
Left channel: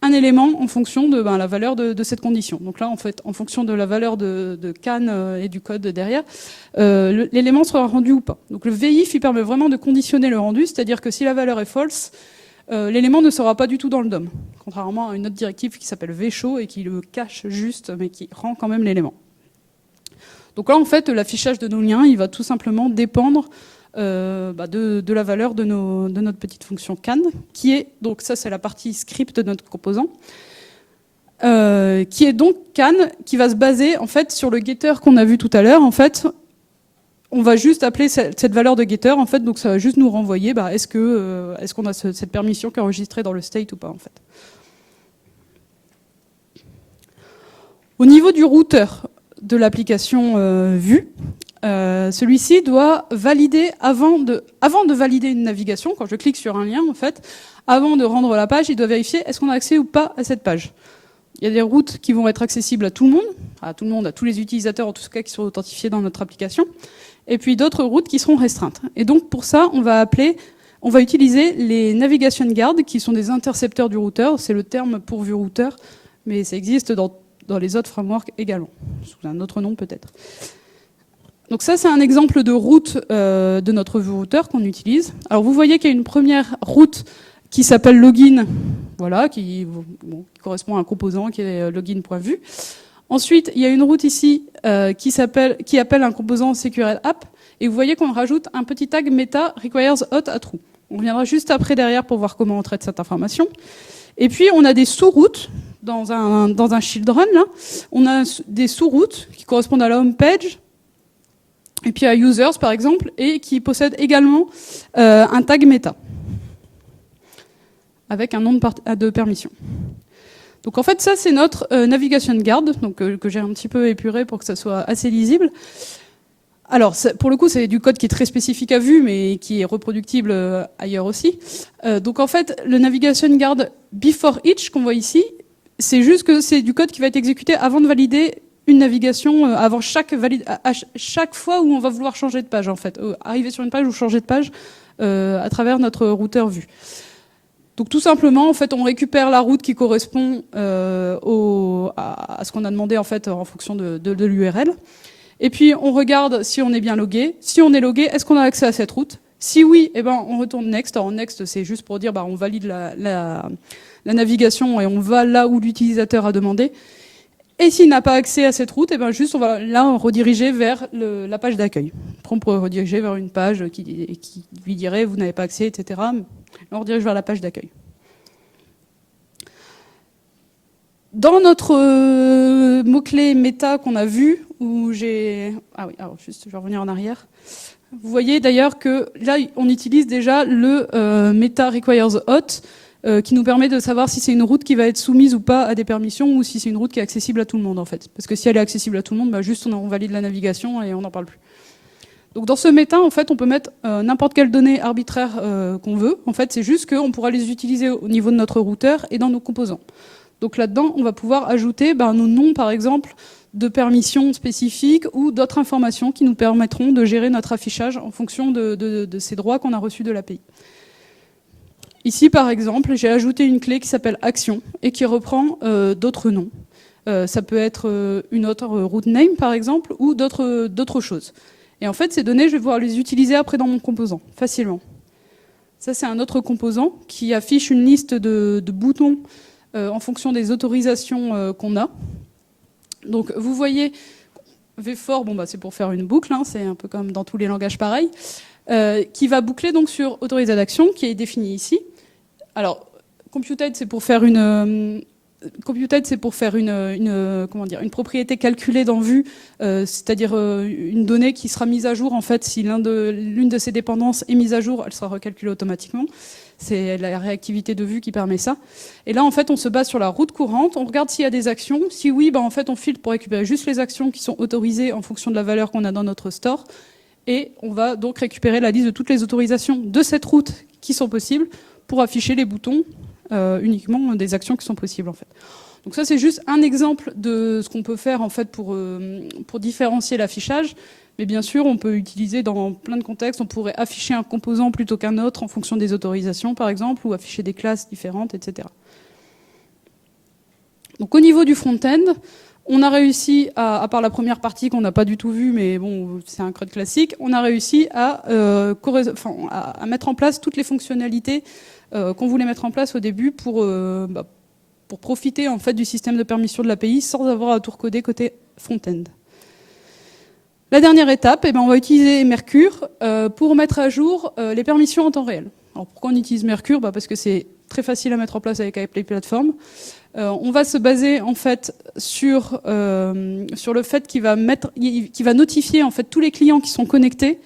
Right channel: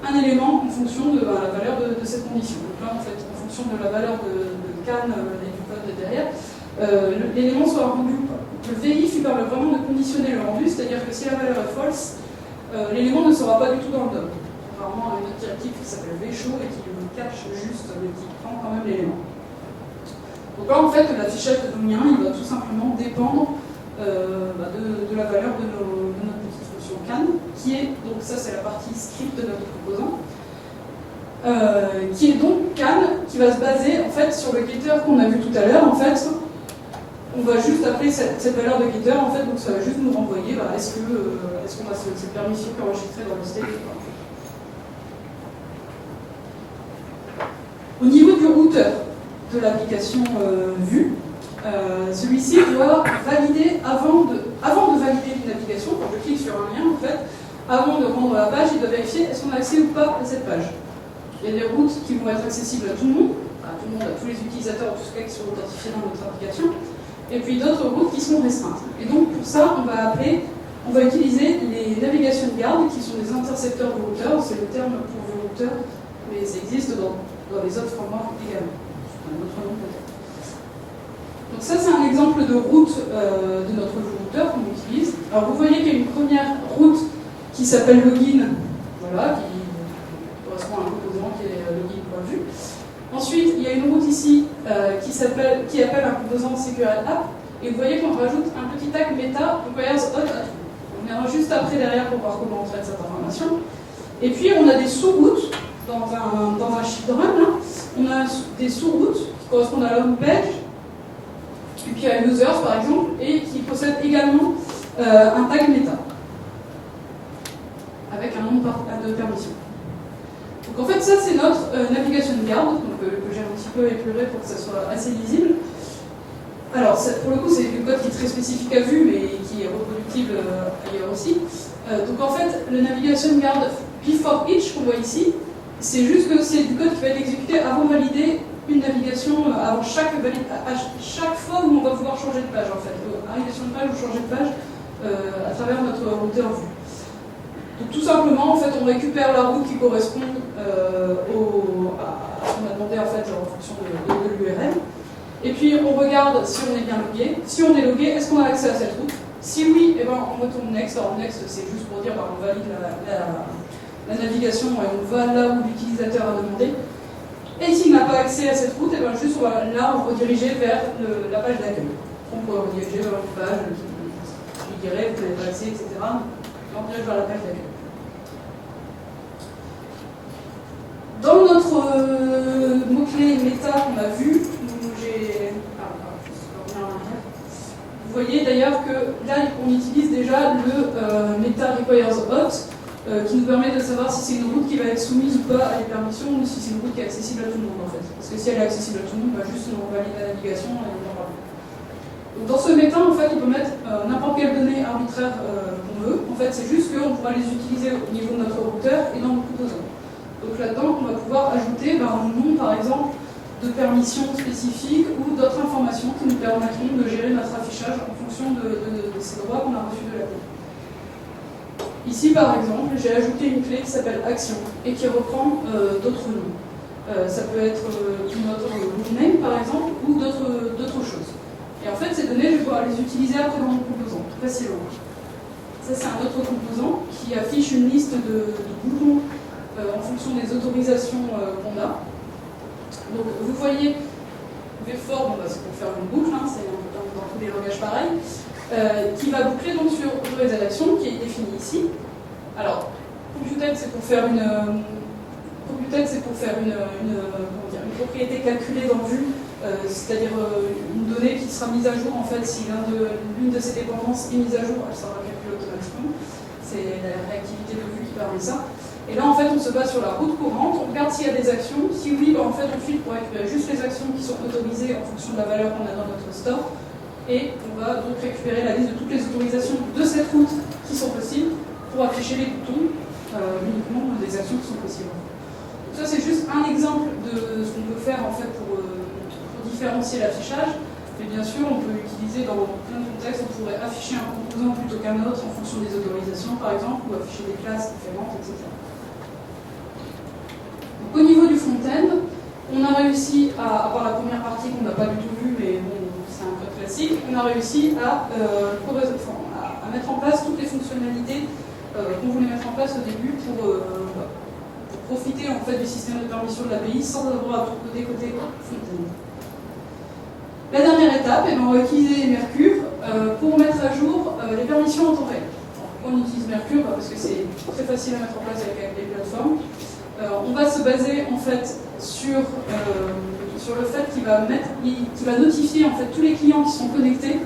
un élément en fonction de la valeur de cette condition. Donc là, en fait, en fonction de la valeur de can et du code derrière, l'élément sera rendu ou pas. Donc le VIF, il permet vraiment de conditionner le rendu, c'est-à-dire que si la valeur est false, l'élément ne sera pas du tout dans le DOM, contrairement à une autre directive qui s'appelle vshow et qui le cache juste, mais qui rend quand même l'élément. Donc là, en fait, l'affichage de nos liens, il va tout simplement dépendre de la valeur de notre petite fonction can, qui est, donc ça c'est la partie script de notre composant, qui est donc can, qui va se baser en fait sur le getter qu'on a vu tout à l'heure. En fait, on va juste appeler cette valeur de getter, en fait, donc ça va juste nous renvoyer est-ce qu'on a cette permission qui est enregistrée dans le state ou pas, en fait. Au niveau du routeur de l'application Vue, celui-ci doit valider, avant de valider une navigation, quand je clique sur un lien, en fait, avant de rendre la page, il doit vérifier est-ce qu'on a accès ou pas à cette page. Il y a des routes qui vont être accessibles à tout le monde, à tous les utilisateurs, en tout cas qui sont authentifiés dans notre application, et puis d'autres routes qui seront restreintes. Et donc pour ça, on va utiliser les navigation guards, qui sont des intercepteurs du routeur. C'est le terme pour vue routeur, mais ça existe dans les autres frameworks également. C'est un autre nom peut-être. Donc ça, c'est un exemple de route de notre vue routeur qu'on utilise. Alors vous voyez qu'il y a une première route qui s'appelle login, voilà, qui correspond à un composant qui est login.vue. Ensuite, il y a une route ici qui appelle un composant SQL app, et vous voyez qu'on rajoute un petit tag meta requires auth à true. On viendra juste après derrière pour voir comment on traite cette information. Et puis on a des sous-routes dans un children. Là. On a des sous-routes qui correspondent à la home page, et puis à users par exemple, et qui possèdent également un tag meta avec un nom de permission. Donc en fait ça c'est notre navigation guard, donc, que j'ai un petit peu épuré pour que ça soit assez lisible. Alors pour le coup c'est du code qui est très spécifique à Vue mais qui est reproductible ailleurs aussi. Donc en fait le navigation guard before each qu'on voit ici, c'est juste que c'est du code qui va être exécuté avant de valider une navigation, avant à chaque fois où on va vouloir changer de page en fait, arriver sur une page ou changer de page à travers notre routeur Vue. Donc tout simplement, en fait, on récupère la route qui correspond à ce qu'on a demandé en fait en fonction de l'URL. Et puis on regarde si on est bien logué. Si on est logué, est-ce qu'on a accès à cette route? Si oui, eh ben, on retourne next. Alors next, c'est juste pour dire on valide la navigation et on va là où l'utilisateur a demandé. Et s'il n'a pas accès à cette route, eh ben, juste on va là rediriger vers la page d'accueil. On pourrait rediriger vers une page qui lui dirait vous n'avez pas accès, etc. On redirige vers la page d'accueil. Dans notre mot-clé méta qu'on a vu, où j'ai... juste je vais revenir en arrière. Vous voyez d'ailleurs que là, on utilise déjà le meta requires auth, qui nous permet de savoir si c'est une route qui va être soumise ou pas à des permissions, ou si c'est une route qui est accessible à tout le monde en fait. Parce que si elle est accessible à tout le monde, juste on valide la navigation et on n'en parle plus. Donc dans ce méta, en fait, on peut mettre n'importe quelle donnée arbitraire qu'on veut. En fait, c'est juste qu'on pourra les utiliser au niveau de notre routeur et dans nos composants. Donc là-dedans, on va pouvoir ajouter nos noms, par exemple, de permissions spécifiques ou d'autres informations qui nous permettront de gérer notre affichage en fonction de ces droits qu'on a reçus de l'API. Ici, par exemple, j'ai ajouté une clé qui s'appelle action et qui reprend d'autres noms. Ça peut être une autre route name, par exemple, ou d'autres choses. Et en fait, ces données, je vais pouvoir les utiliser après dans mon composant, facilement. Ça, c'est un autre composant qui affiche une liste de boutons en fonction des autorisations qu'on a. Donc, vous voyez, V4, c'est pour faire une boucle, c'est un peu comme dans tous les langages pareils, qui va boucler donc sur autorisation d'action, qui est définie ici. Alors, computed, c'est pour faire une une propriété calculée dans Vue, c'est-à-dire une donnée qui sera mise à jour en fait si l'une de ces dépendances est mise à jour, elle sera recalculée automatiquement. C'est la réactivité de Vue qui permet ça. Et là en fait on se base sur la route courante, on regarde s'il y a des actions. Si oui, en fait on filtre pour récupérer juste les actions qui sont autorisées en fonction de la valeur qu'on a dans notre store. Et on va donc récupérer la liste de toutes les autorisations de cette route qui sont possibles pour afficher les boutons uniquement des actions qui sont possibles. En fait. Donc ça c'est juste un exemple de ce qu'on peut faire en fait pour différencier l'affichage, mais bien sûr on peut utiliser dans plein de contextes, on pourrait afficher un composant plutôt qu'un autre en fonction des autorisations par exemple, ou afficher des classes différentes, etc. Donc au niveau du front-end, on a réussi, à part la première partie qu'on n'a pas du tout vue, mais bon c'est un code classique, on a réussi à mettre en place toutes les fonctionnalités qu'on voulait mettre en place au début pour profiter en fait du système de permission de l'API sans avoir à tout recoder côté front-end. La dernière étape, on va utiliser Mercure pour mettre à jour les permissions en temps réel. Alors, pourquoi on utilise Mercure? Parce que c'est très facile à mettre en place avec iPlay Platform. On va se baser en fait sur le fait qu'il va notifier en fait tous les clients qui sont connectés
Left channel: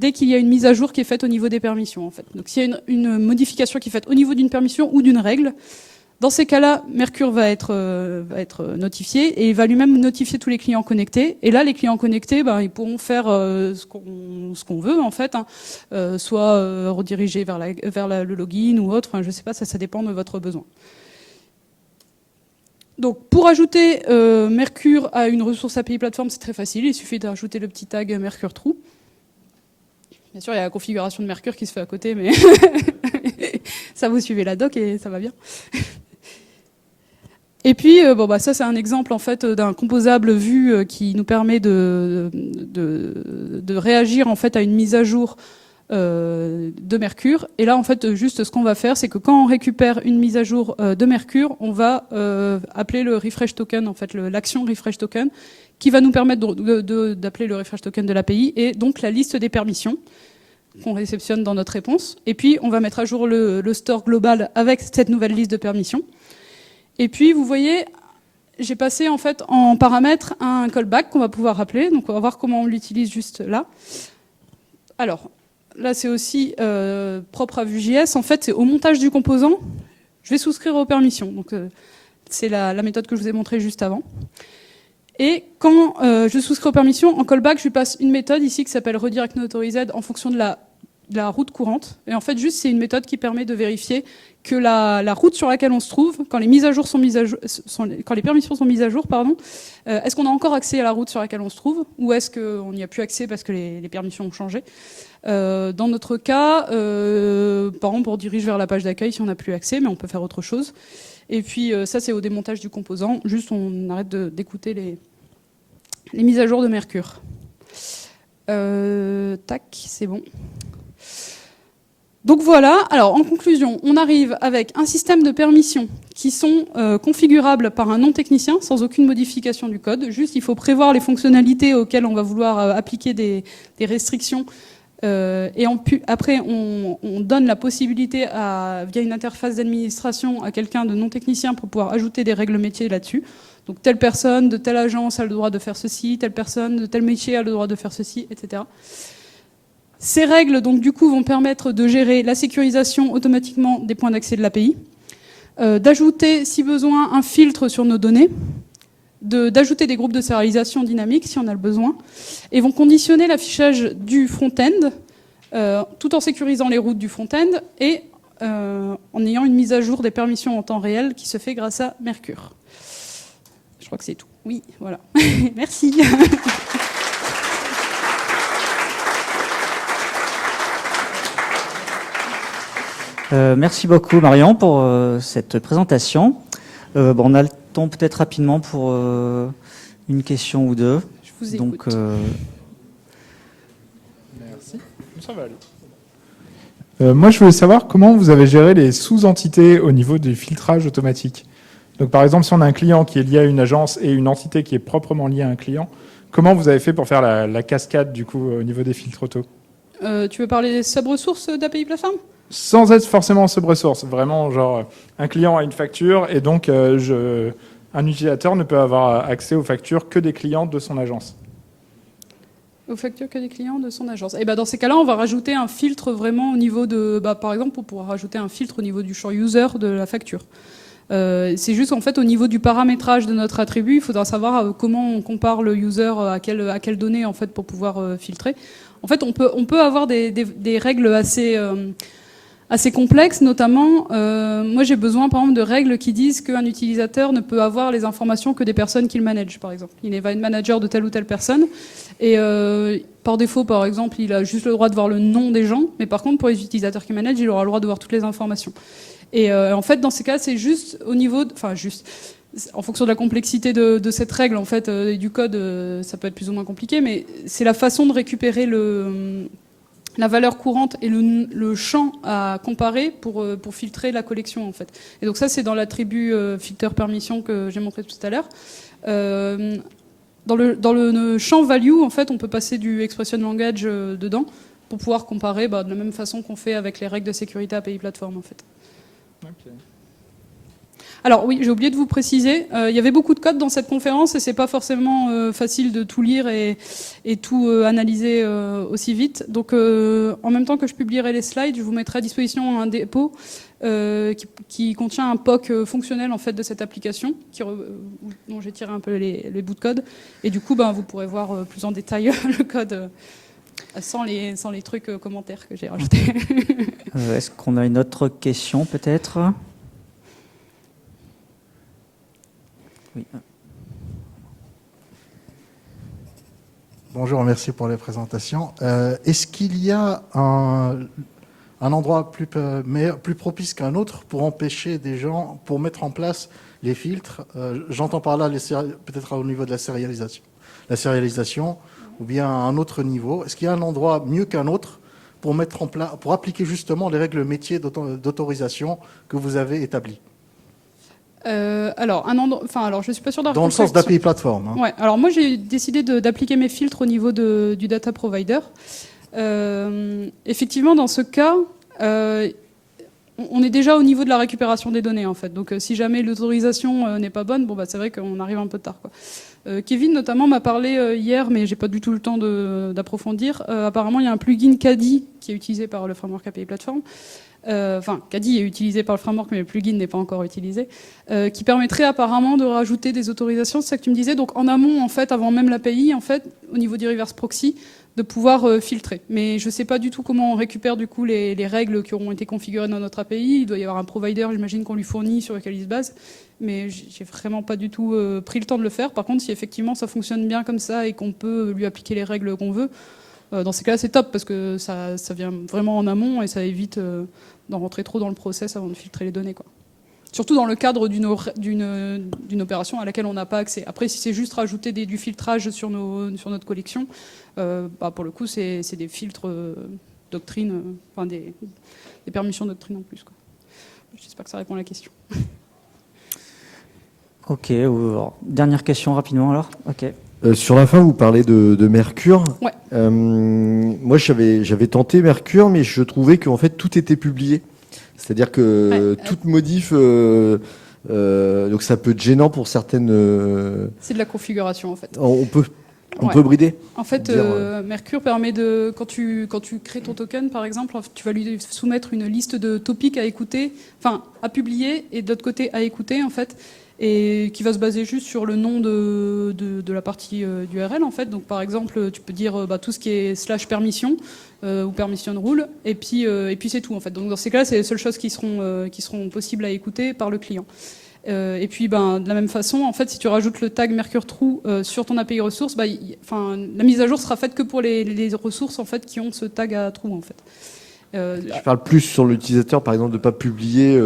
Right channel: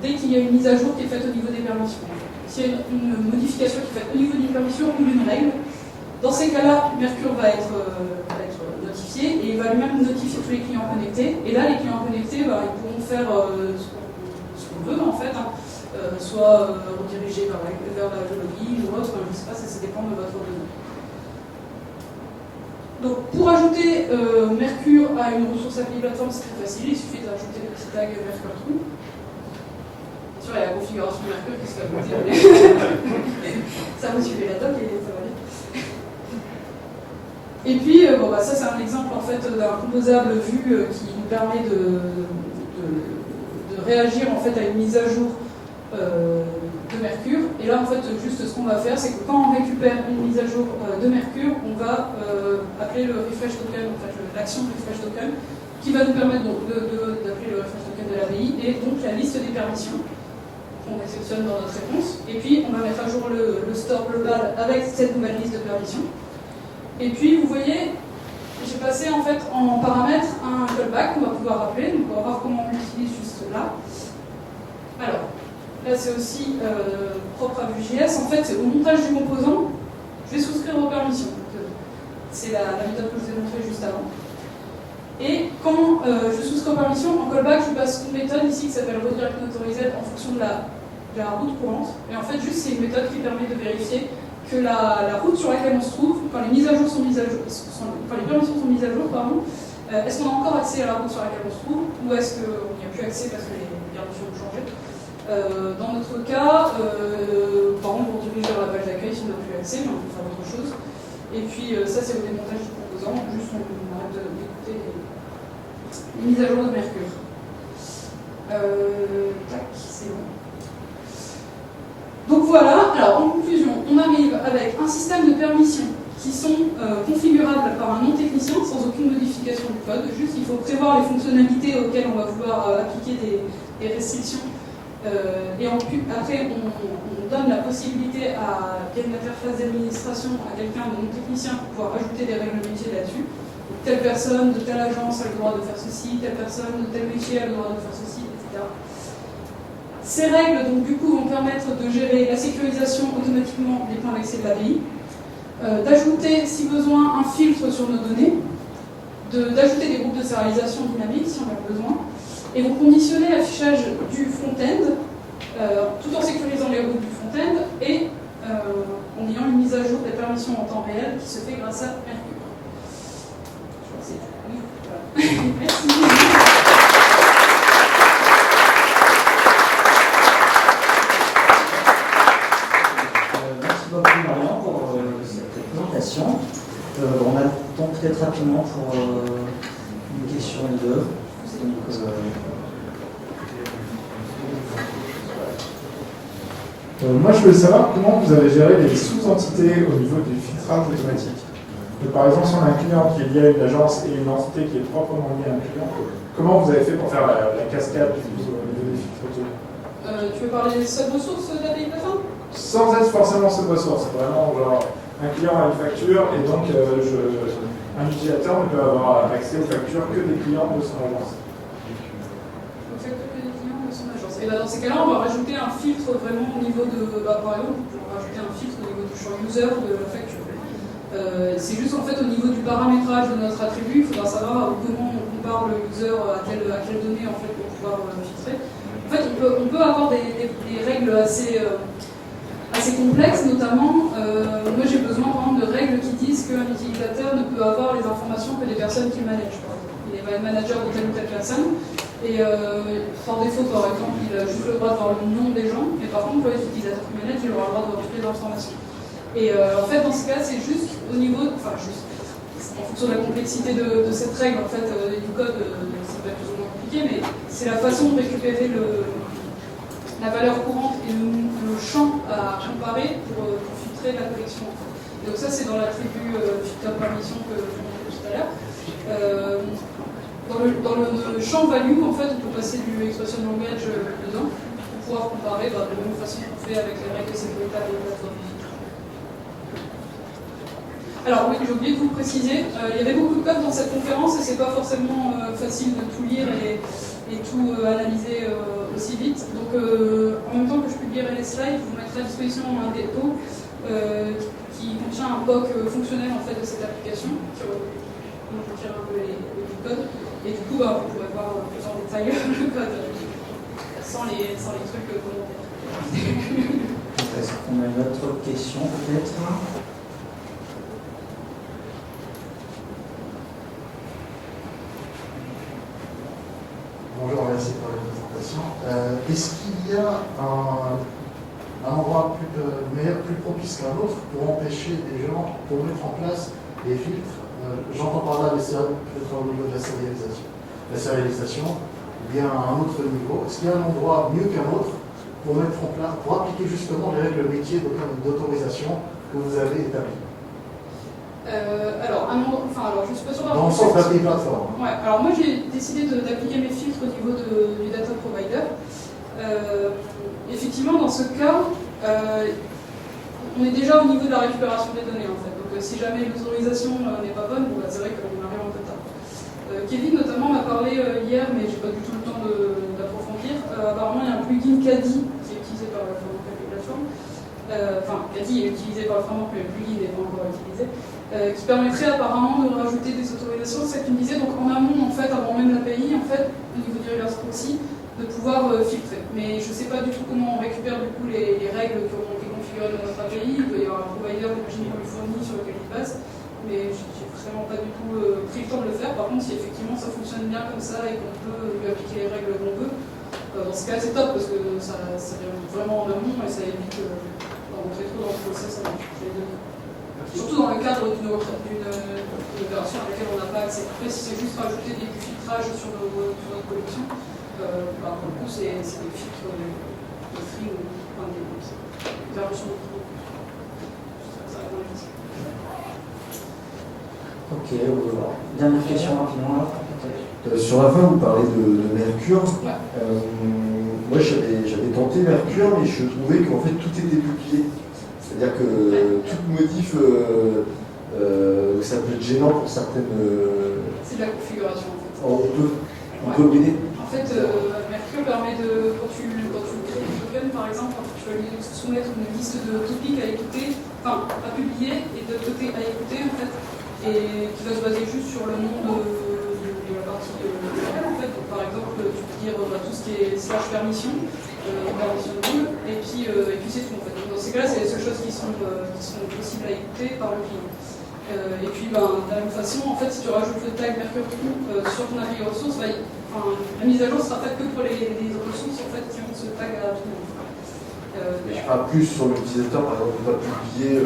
dès qu'il y a une mise à jour qui est faite au niveau des permissions. En fait. Donc, s'il y a une modification qui est faite au niveau d'une permission ou d'une règle, dans ces cas-là, Mercure va être notifié et il va lui-même notifier tous les clients connectés. Et là, les clients connectés, ils pourront faire ce qu'on ce qu'on veut en fait, hein. Soit rediriger vers le login ou autre, enfin, je ne sais pas, ça dépend de votre besoin. Donc pour ajouter Mercure à une ressource API Platform, c'est très facile, il suffit d'ajouter le petit tag Mercure True. Bien sûr, il y a la configuration de Mercure qui se fait à côté, mais ça, vous suivez la doc et ça va bien. Et puis, ça c'est un exemple en fait d'un composable Vue qui nous permet de réagir en fait à une mise à jour de Mercure. Et là en fait, juste ce qu'on va faire, c'est que quand on récupère une mise à jour de Mercure, on va appeler le refresh token, en fait l'action refresh token, qui va nous permettre d'appeler le refresh token de l'API et donc la liste des permissions qu'on réceptionne dans notre réponse. Et puis on va mettre à jour le store global avec cette nouvelle liste de permissions. Et puis, vous voyez, j'ai passé en fait en paramètre un callback qu'on va pouvoir rappeler. Donc, on va voir comment on l'utilise juste là. Alors, là, c'est aussi propre à Vue.js. En fait, c'est au montage du composant, je vais souscrire aux permissions. Donc, c'est la méthode que je vous ai montrée juste avant. Et quand je souscris aux permissions, en callback, je lui passe une méthode ici qui s'appelle redirectNoAuthorize en fonction de la route courante. Et en fait, juste, c'est une méthode qui permet de vérifier que la route sur laquelle on se trouve, quand les mises à jour quand les permissions sont mises à jour, est-ce qu'on a encore accès à la route sur laquelle on se trouve, ou est-ce qu'on n'y a plus accès parce que les permissions ont changé. Dans notre cas, par exemple, on dirige vers la page d'accueil si on n'a plus accès, mais on peut faire autre chose. Et puis ça, c'est au démontage du composant. Juste, on arrête d'écouter les mises à jour de Mercure. Tac, c'est bon. Donc voilà, alors en conclusion, on arrive avec un système de permissions qui sont configurables par un non-technicien sans aucune modification du code. Juste, il faut prévoir les fonctionnalités auxquelles on va vouloir appliquer des restrictions. Et après, on donne la possibilité, via une interface d'administration, à quelqu'un de non-technicien pour pouvoir ajouter des règles métiers là-dessus. Donc, telle personne de telle agence a le droit de faire ceci, telle personne de tel métier a le droit de faire ceci, etc. Ces règles, donc, du coup, vont permettre de gérer la sécurisation automatiquement des points d'accès de l'API, d'ajouter, si besoin, un filtre sur nos données, d'ajouter des groupes de sérialisation dynamiques, si on a le besoin, et vont conditionner l'affichage du front-end, tout en sécurisant les routes du front-end, et en ayant une mise à jour des permissions en temps réel qui se fait grâce à Mercure. Je crois que c'est tout. Oui, voilà. Merci. Merci beaucoup Marion pour cette présentation. On a le temps peut-être rapidement pour une question ou deux. Je vous écoute. Moi je voulais savoir comment vous avez géré les sous-entités au niveau du filtrage automatique. Par exemple, si on a un client qui est lié à une agence et une entité qui est proprement liée à un client, comment vous avez fait pour faire la cascade du coup au niveau des filtres auto? Tu veux parler des sub-ressources d'API Platform ? Sans être forcément sub-ressource, vraiment genre un client a une facture et donc un utilisateur ne peut avoir accès aux factures que des clients de son agence. Aux factures que des clients de son agence. Et dans ces cas-là, on va rajouter un filtre vraiment au niveau de... par exemple, on pourra rajouter un filtre au niveau du champ user de la facture. C'est juste en fait au niveau du paramétrage de notre attribut, il faudra savoir comment on compare le user à quelle donnée en fait pour pouvoir filtrer. En fait, on peut avoir des règles assez complexes, notamment, moi j'ai besoin par exemple de règles qui disent qu'un utilisateur ne peut avoir les informations que des personnes qu'il manage, par exemple. Il va être manager de telle ou telle personne, et par défaut, par exemple, il a juste le droit de voir le nom des gens, mais par contre, pour les utilisateurs qu'il manage, il aura le droit de voir toutes les informations. Et en fait, dans ces cas, c'est juste au niveau... en fonction de la complexité de cette règle, en fait, du code, ça peut être plus ou moins compliqué, mais c'est la façon de récupérer la valeur courante et le champ à comparer pour filtrer la collection, en fait. Et donc ça, c'est dans l'attribut filter permission que j'ai montré tout à l'heure. Dans le champ value, en fait, on peut passer du expression language dedans pour pouvoir comparer de la même façon qu'on fait avec les règles de sécurité API Platform, en fait. Alors oui, j'ai oublié de vous préciser, il y avait beaucoup de code dans cette conférence et c'est pas forcément facile de tout lire et tout analyser aussi vite. Donc en même temps que je publierai les slides, je vous mettrai à disposition un dépôt qui contient un POC fonctionnel en fait de cette application. Dont je vais tirer un peu les bouts de code et du coup vous pourrez voir plus en détail le code sans les trucs commentaires que j'ai rajoutés. Est-ce qu'on a une autre question peut-être? Bonjour, merci pour les présentations. Est-ce qu'il y a un endroit plus propice qu'un autre pour empêcher des gens, pour mettre en place les filtres? J'entends par là peut-être au niveau de la sérialisation, ou bien à un autre niveau. Est-ce qu'il y a un endroit mieux qu'un autre pour mettre en place, pour appliquer justement les règles métiers d'autorisation que vous avez établies? Alors, je suis pas sûre dans le sens d'API plateforme. Hein. Ouais, alors moi j'ai décidé d'appliquer mes filtres au niveau du data provider. Effectivement, dans ce cas, on est déjà au niveau de la récupération des données en fait. Donc si jamais l'autorisation n'est pas bonne, c'est vrai qu'on arrive un peu tard, quoi. Kevin notamment m'a parlé hier, mais j'ai pas du tout le temps d'approfondir. Apparemment, il y a un plugin Caddy qui est utilisé par le framework API Platform. Caddy est utilisé par le framework, mais le plugin n'est pas encore utilisé, qui permettrait apparemment de rajouter des autorisations. C'est ça que tu me disais. Donc en amont, en fait, avant même l'API, en fait, au niveau du reverse proxy, de pouvoir filtrer. Mais je ne sais pas du tout comment on récupère du coup les règles qui ont été configurées dans notre API. Il doit y avoir un provider, j'imagine, qu'on lui fournit sur lequel il se base. Mais j'ai vraiment pas du tout pris le temps de le faire. Par contre, si effectivement ça fonctionne bien comme ça et qu'on peut lui appliquer les règles qu'on veut, dans ces cas-là, c'est top parce que ça vient vraiment en amont et ça évite d'en rentrer trop dans le process avant de filtrer les données, quoi. Surtout dans le cadre d'une opération à laquelle on n'a pas accès. Après, si c'est juste rajouter du filtrage sur notre collection, pour le coup, c'est des filtres de doctrine, des permissions de doctrine en plus. Je ne sais pas que ça répond à la question. Ok, dernière question rapidement alors. Ok. Sur la fin, vous parlez de Mercure. Ouais. Moi, j'avais tenté Mercure, mais je trouvais qu'en fait tout était publié. C'est-à-dire que toute modif, donc ça peut être gênant pour certaines. C'est de la configuration en fait. On peut brider. En fait, Mercure permet de, quand tu crées ton token par exemple, tu vas lui soumettre une liste de topics à écouter, à publier et de l'autre côté à écouter en fait. Et qui va se baser juste sur le nom de la partie URL en fait. Donc par exemple, tu peux dire tout ce qui est /permission ou permission de rule, et puis c'est tout en fait. Donc dans ces cas-là, c'est les seules choses qui seront possibles à écouter par le client. Et puis de la même façon, en fait, si tu rajoutes le tag Mercure True sur ton API ressource, la mise à jour sera faite que pour les ressources en fait qui ont ce tag à true en fait. Je parle plus sur l'utilisateur, par exemple, de ne pas publier.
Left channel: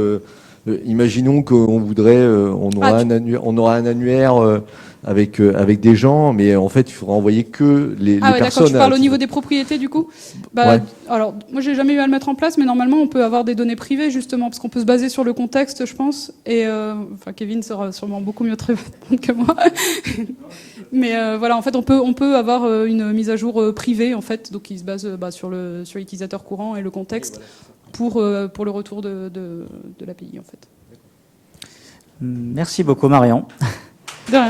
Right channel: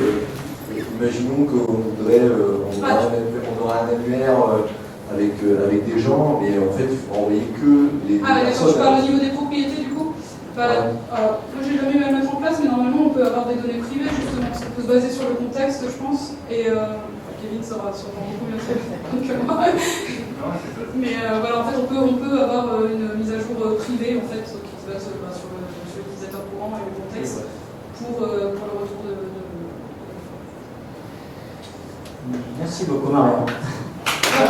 Imaginons qu'on voudrait, on aura un annuaire avec des gens, mais en fait, il faudra envoyer que les personnes. Quand tu parles au niveau des propriétés, du coup, ouais. Alors, moi, j'ai jamais eu à le mettre en place, mais normalement, on peut avoir des données privées justement, parce qu'on peut se baser sur le contexte, je pense. Et Kevin sera sûrement beaucoup mieux traité que moi. Mais en fait, on peut avoir une mise à jour privée, en fait, donc qui se base sur l'utilisateur courant et le contexte pour le retour de l'API. Merci beaucoup Marion. Donc,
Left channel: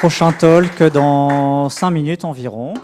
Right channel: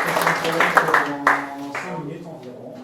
prochain talk dans 5 minutes environ.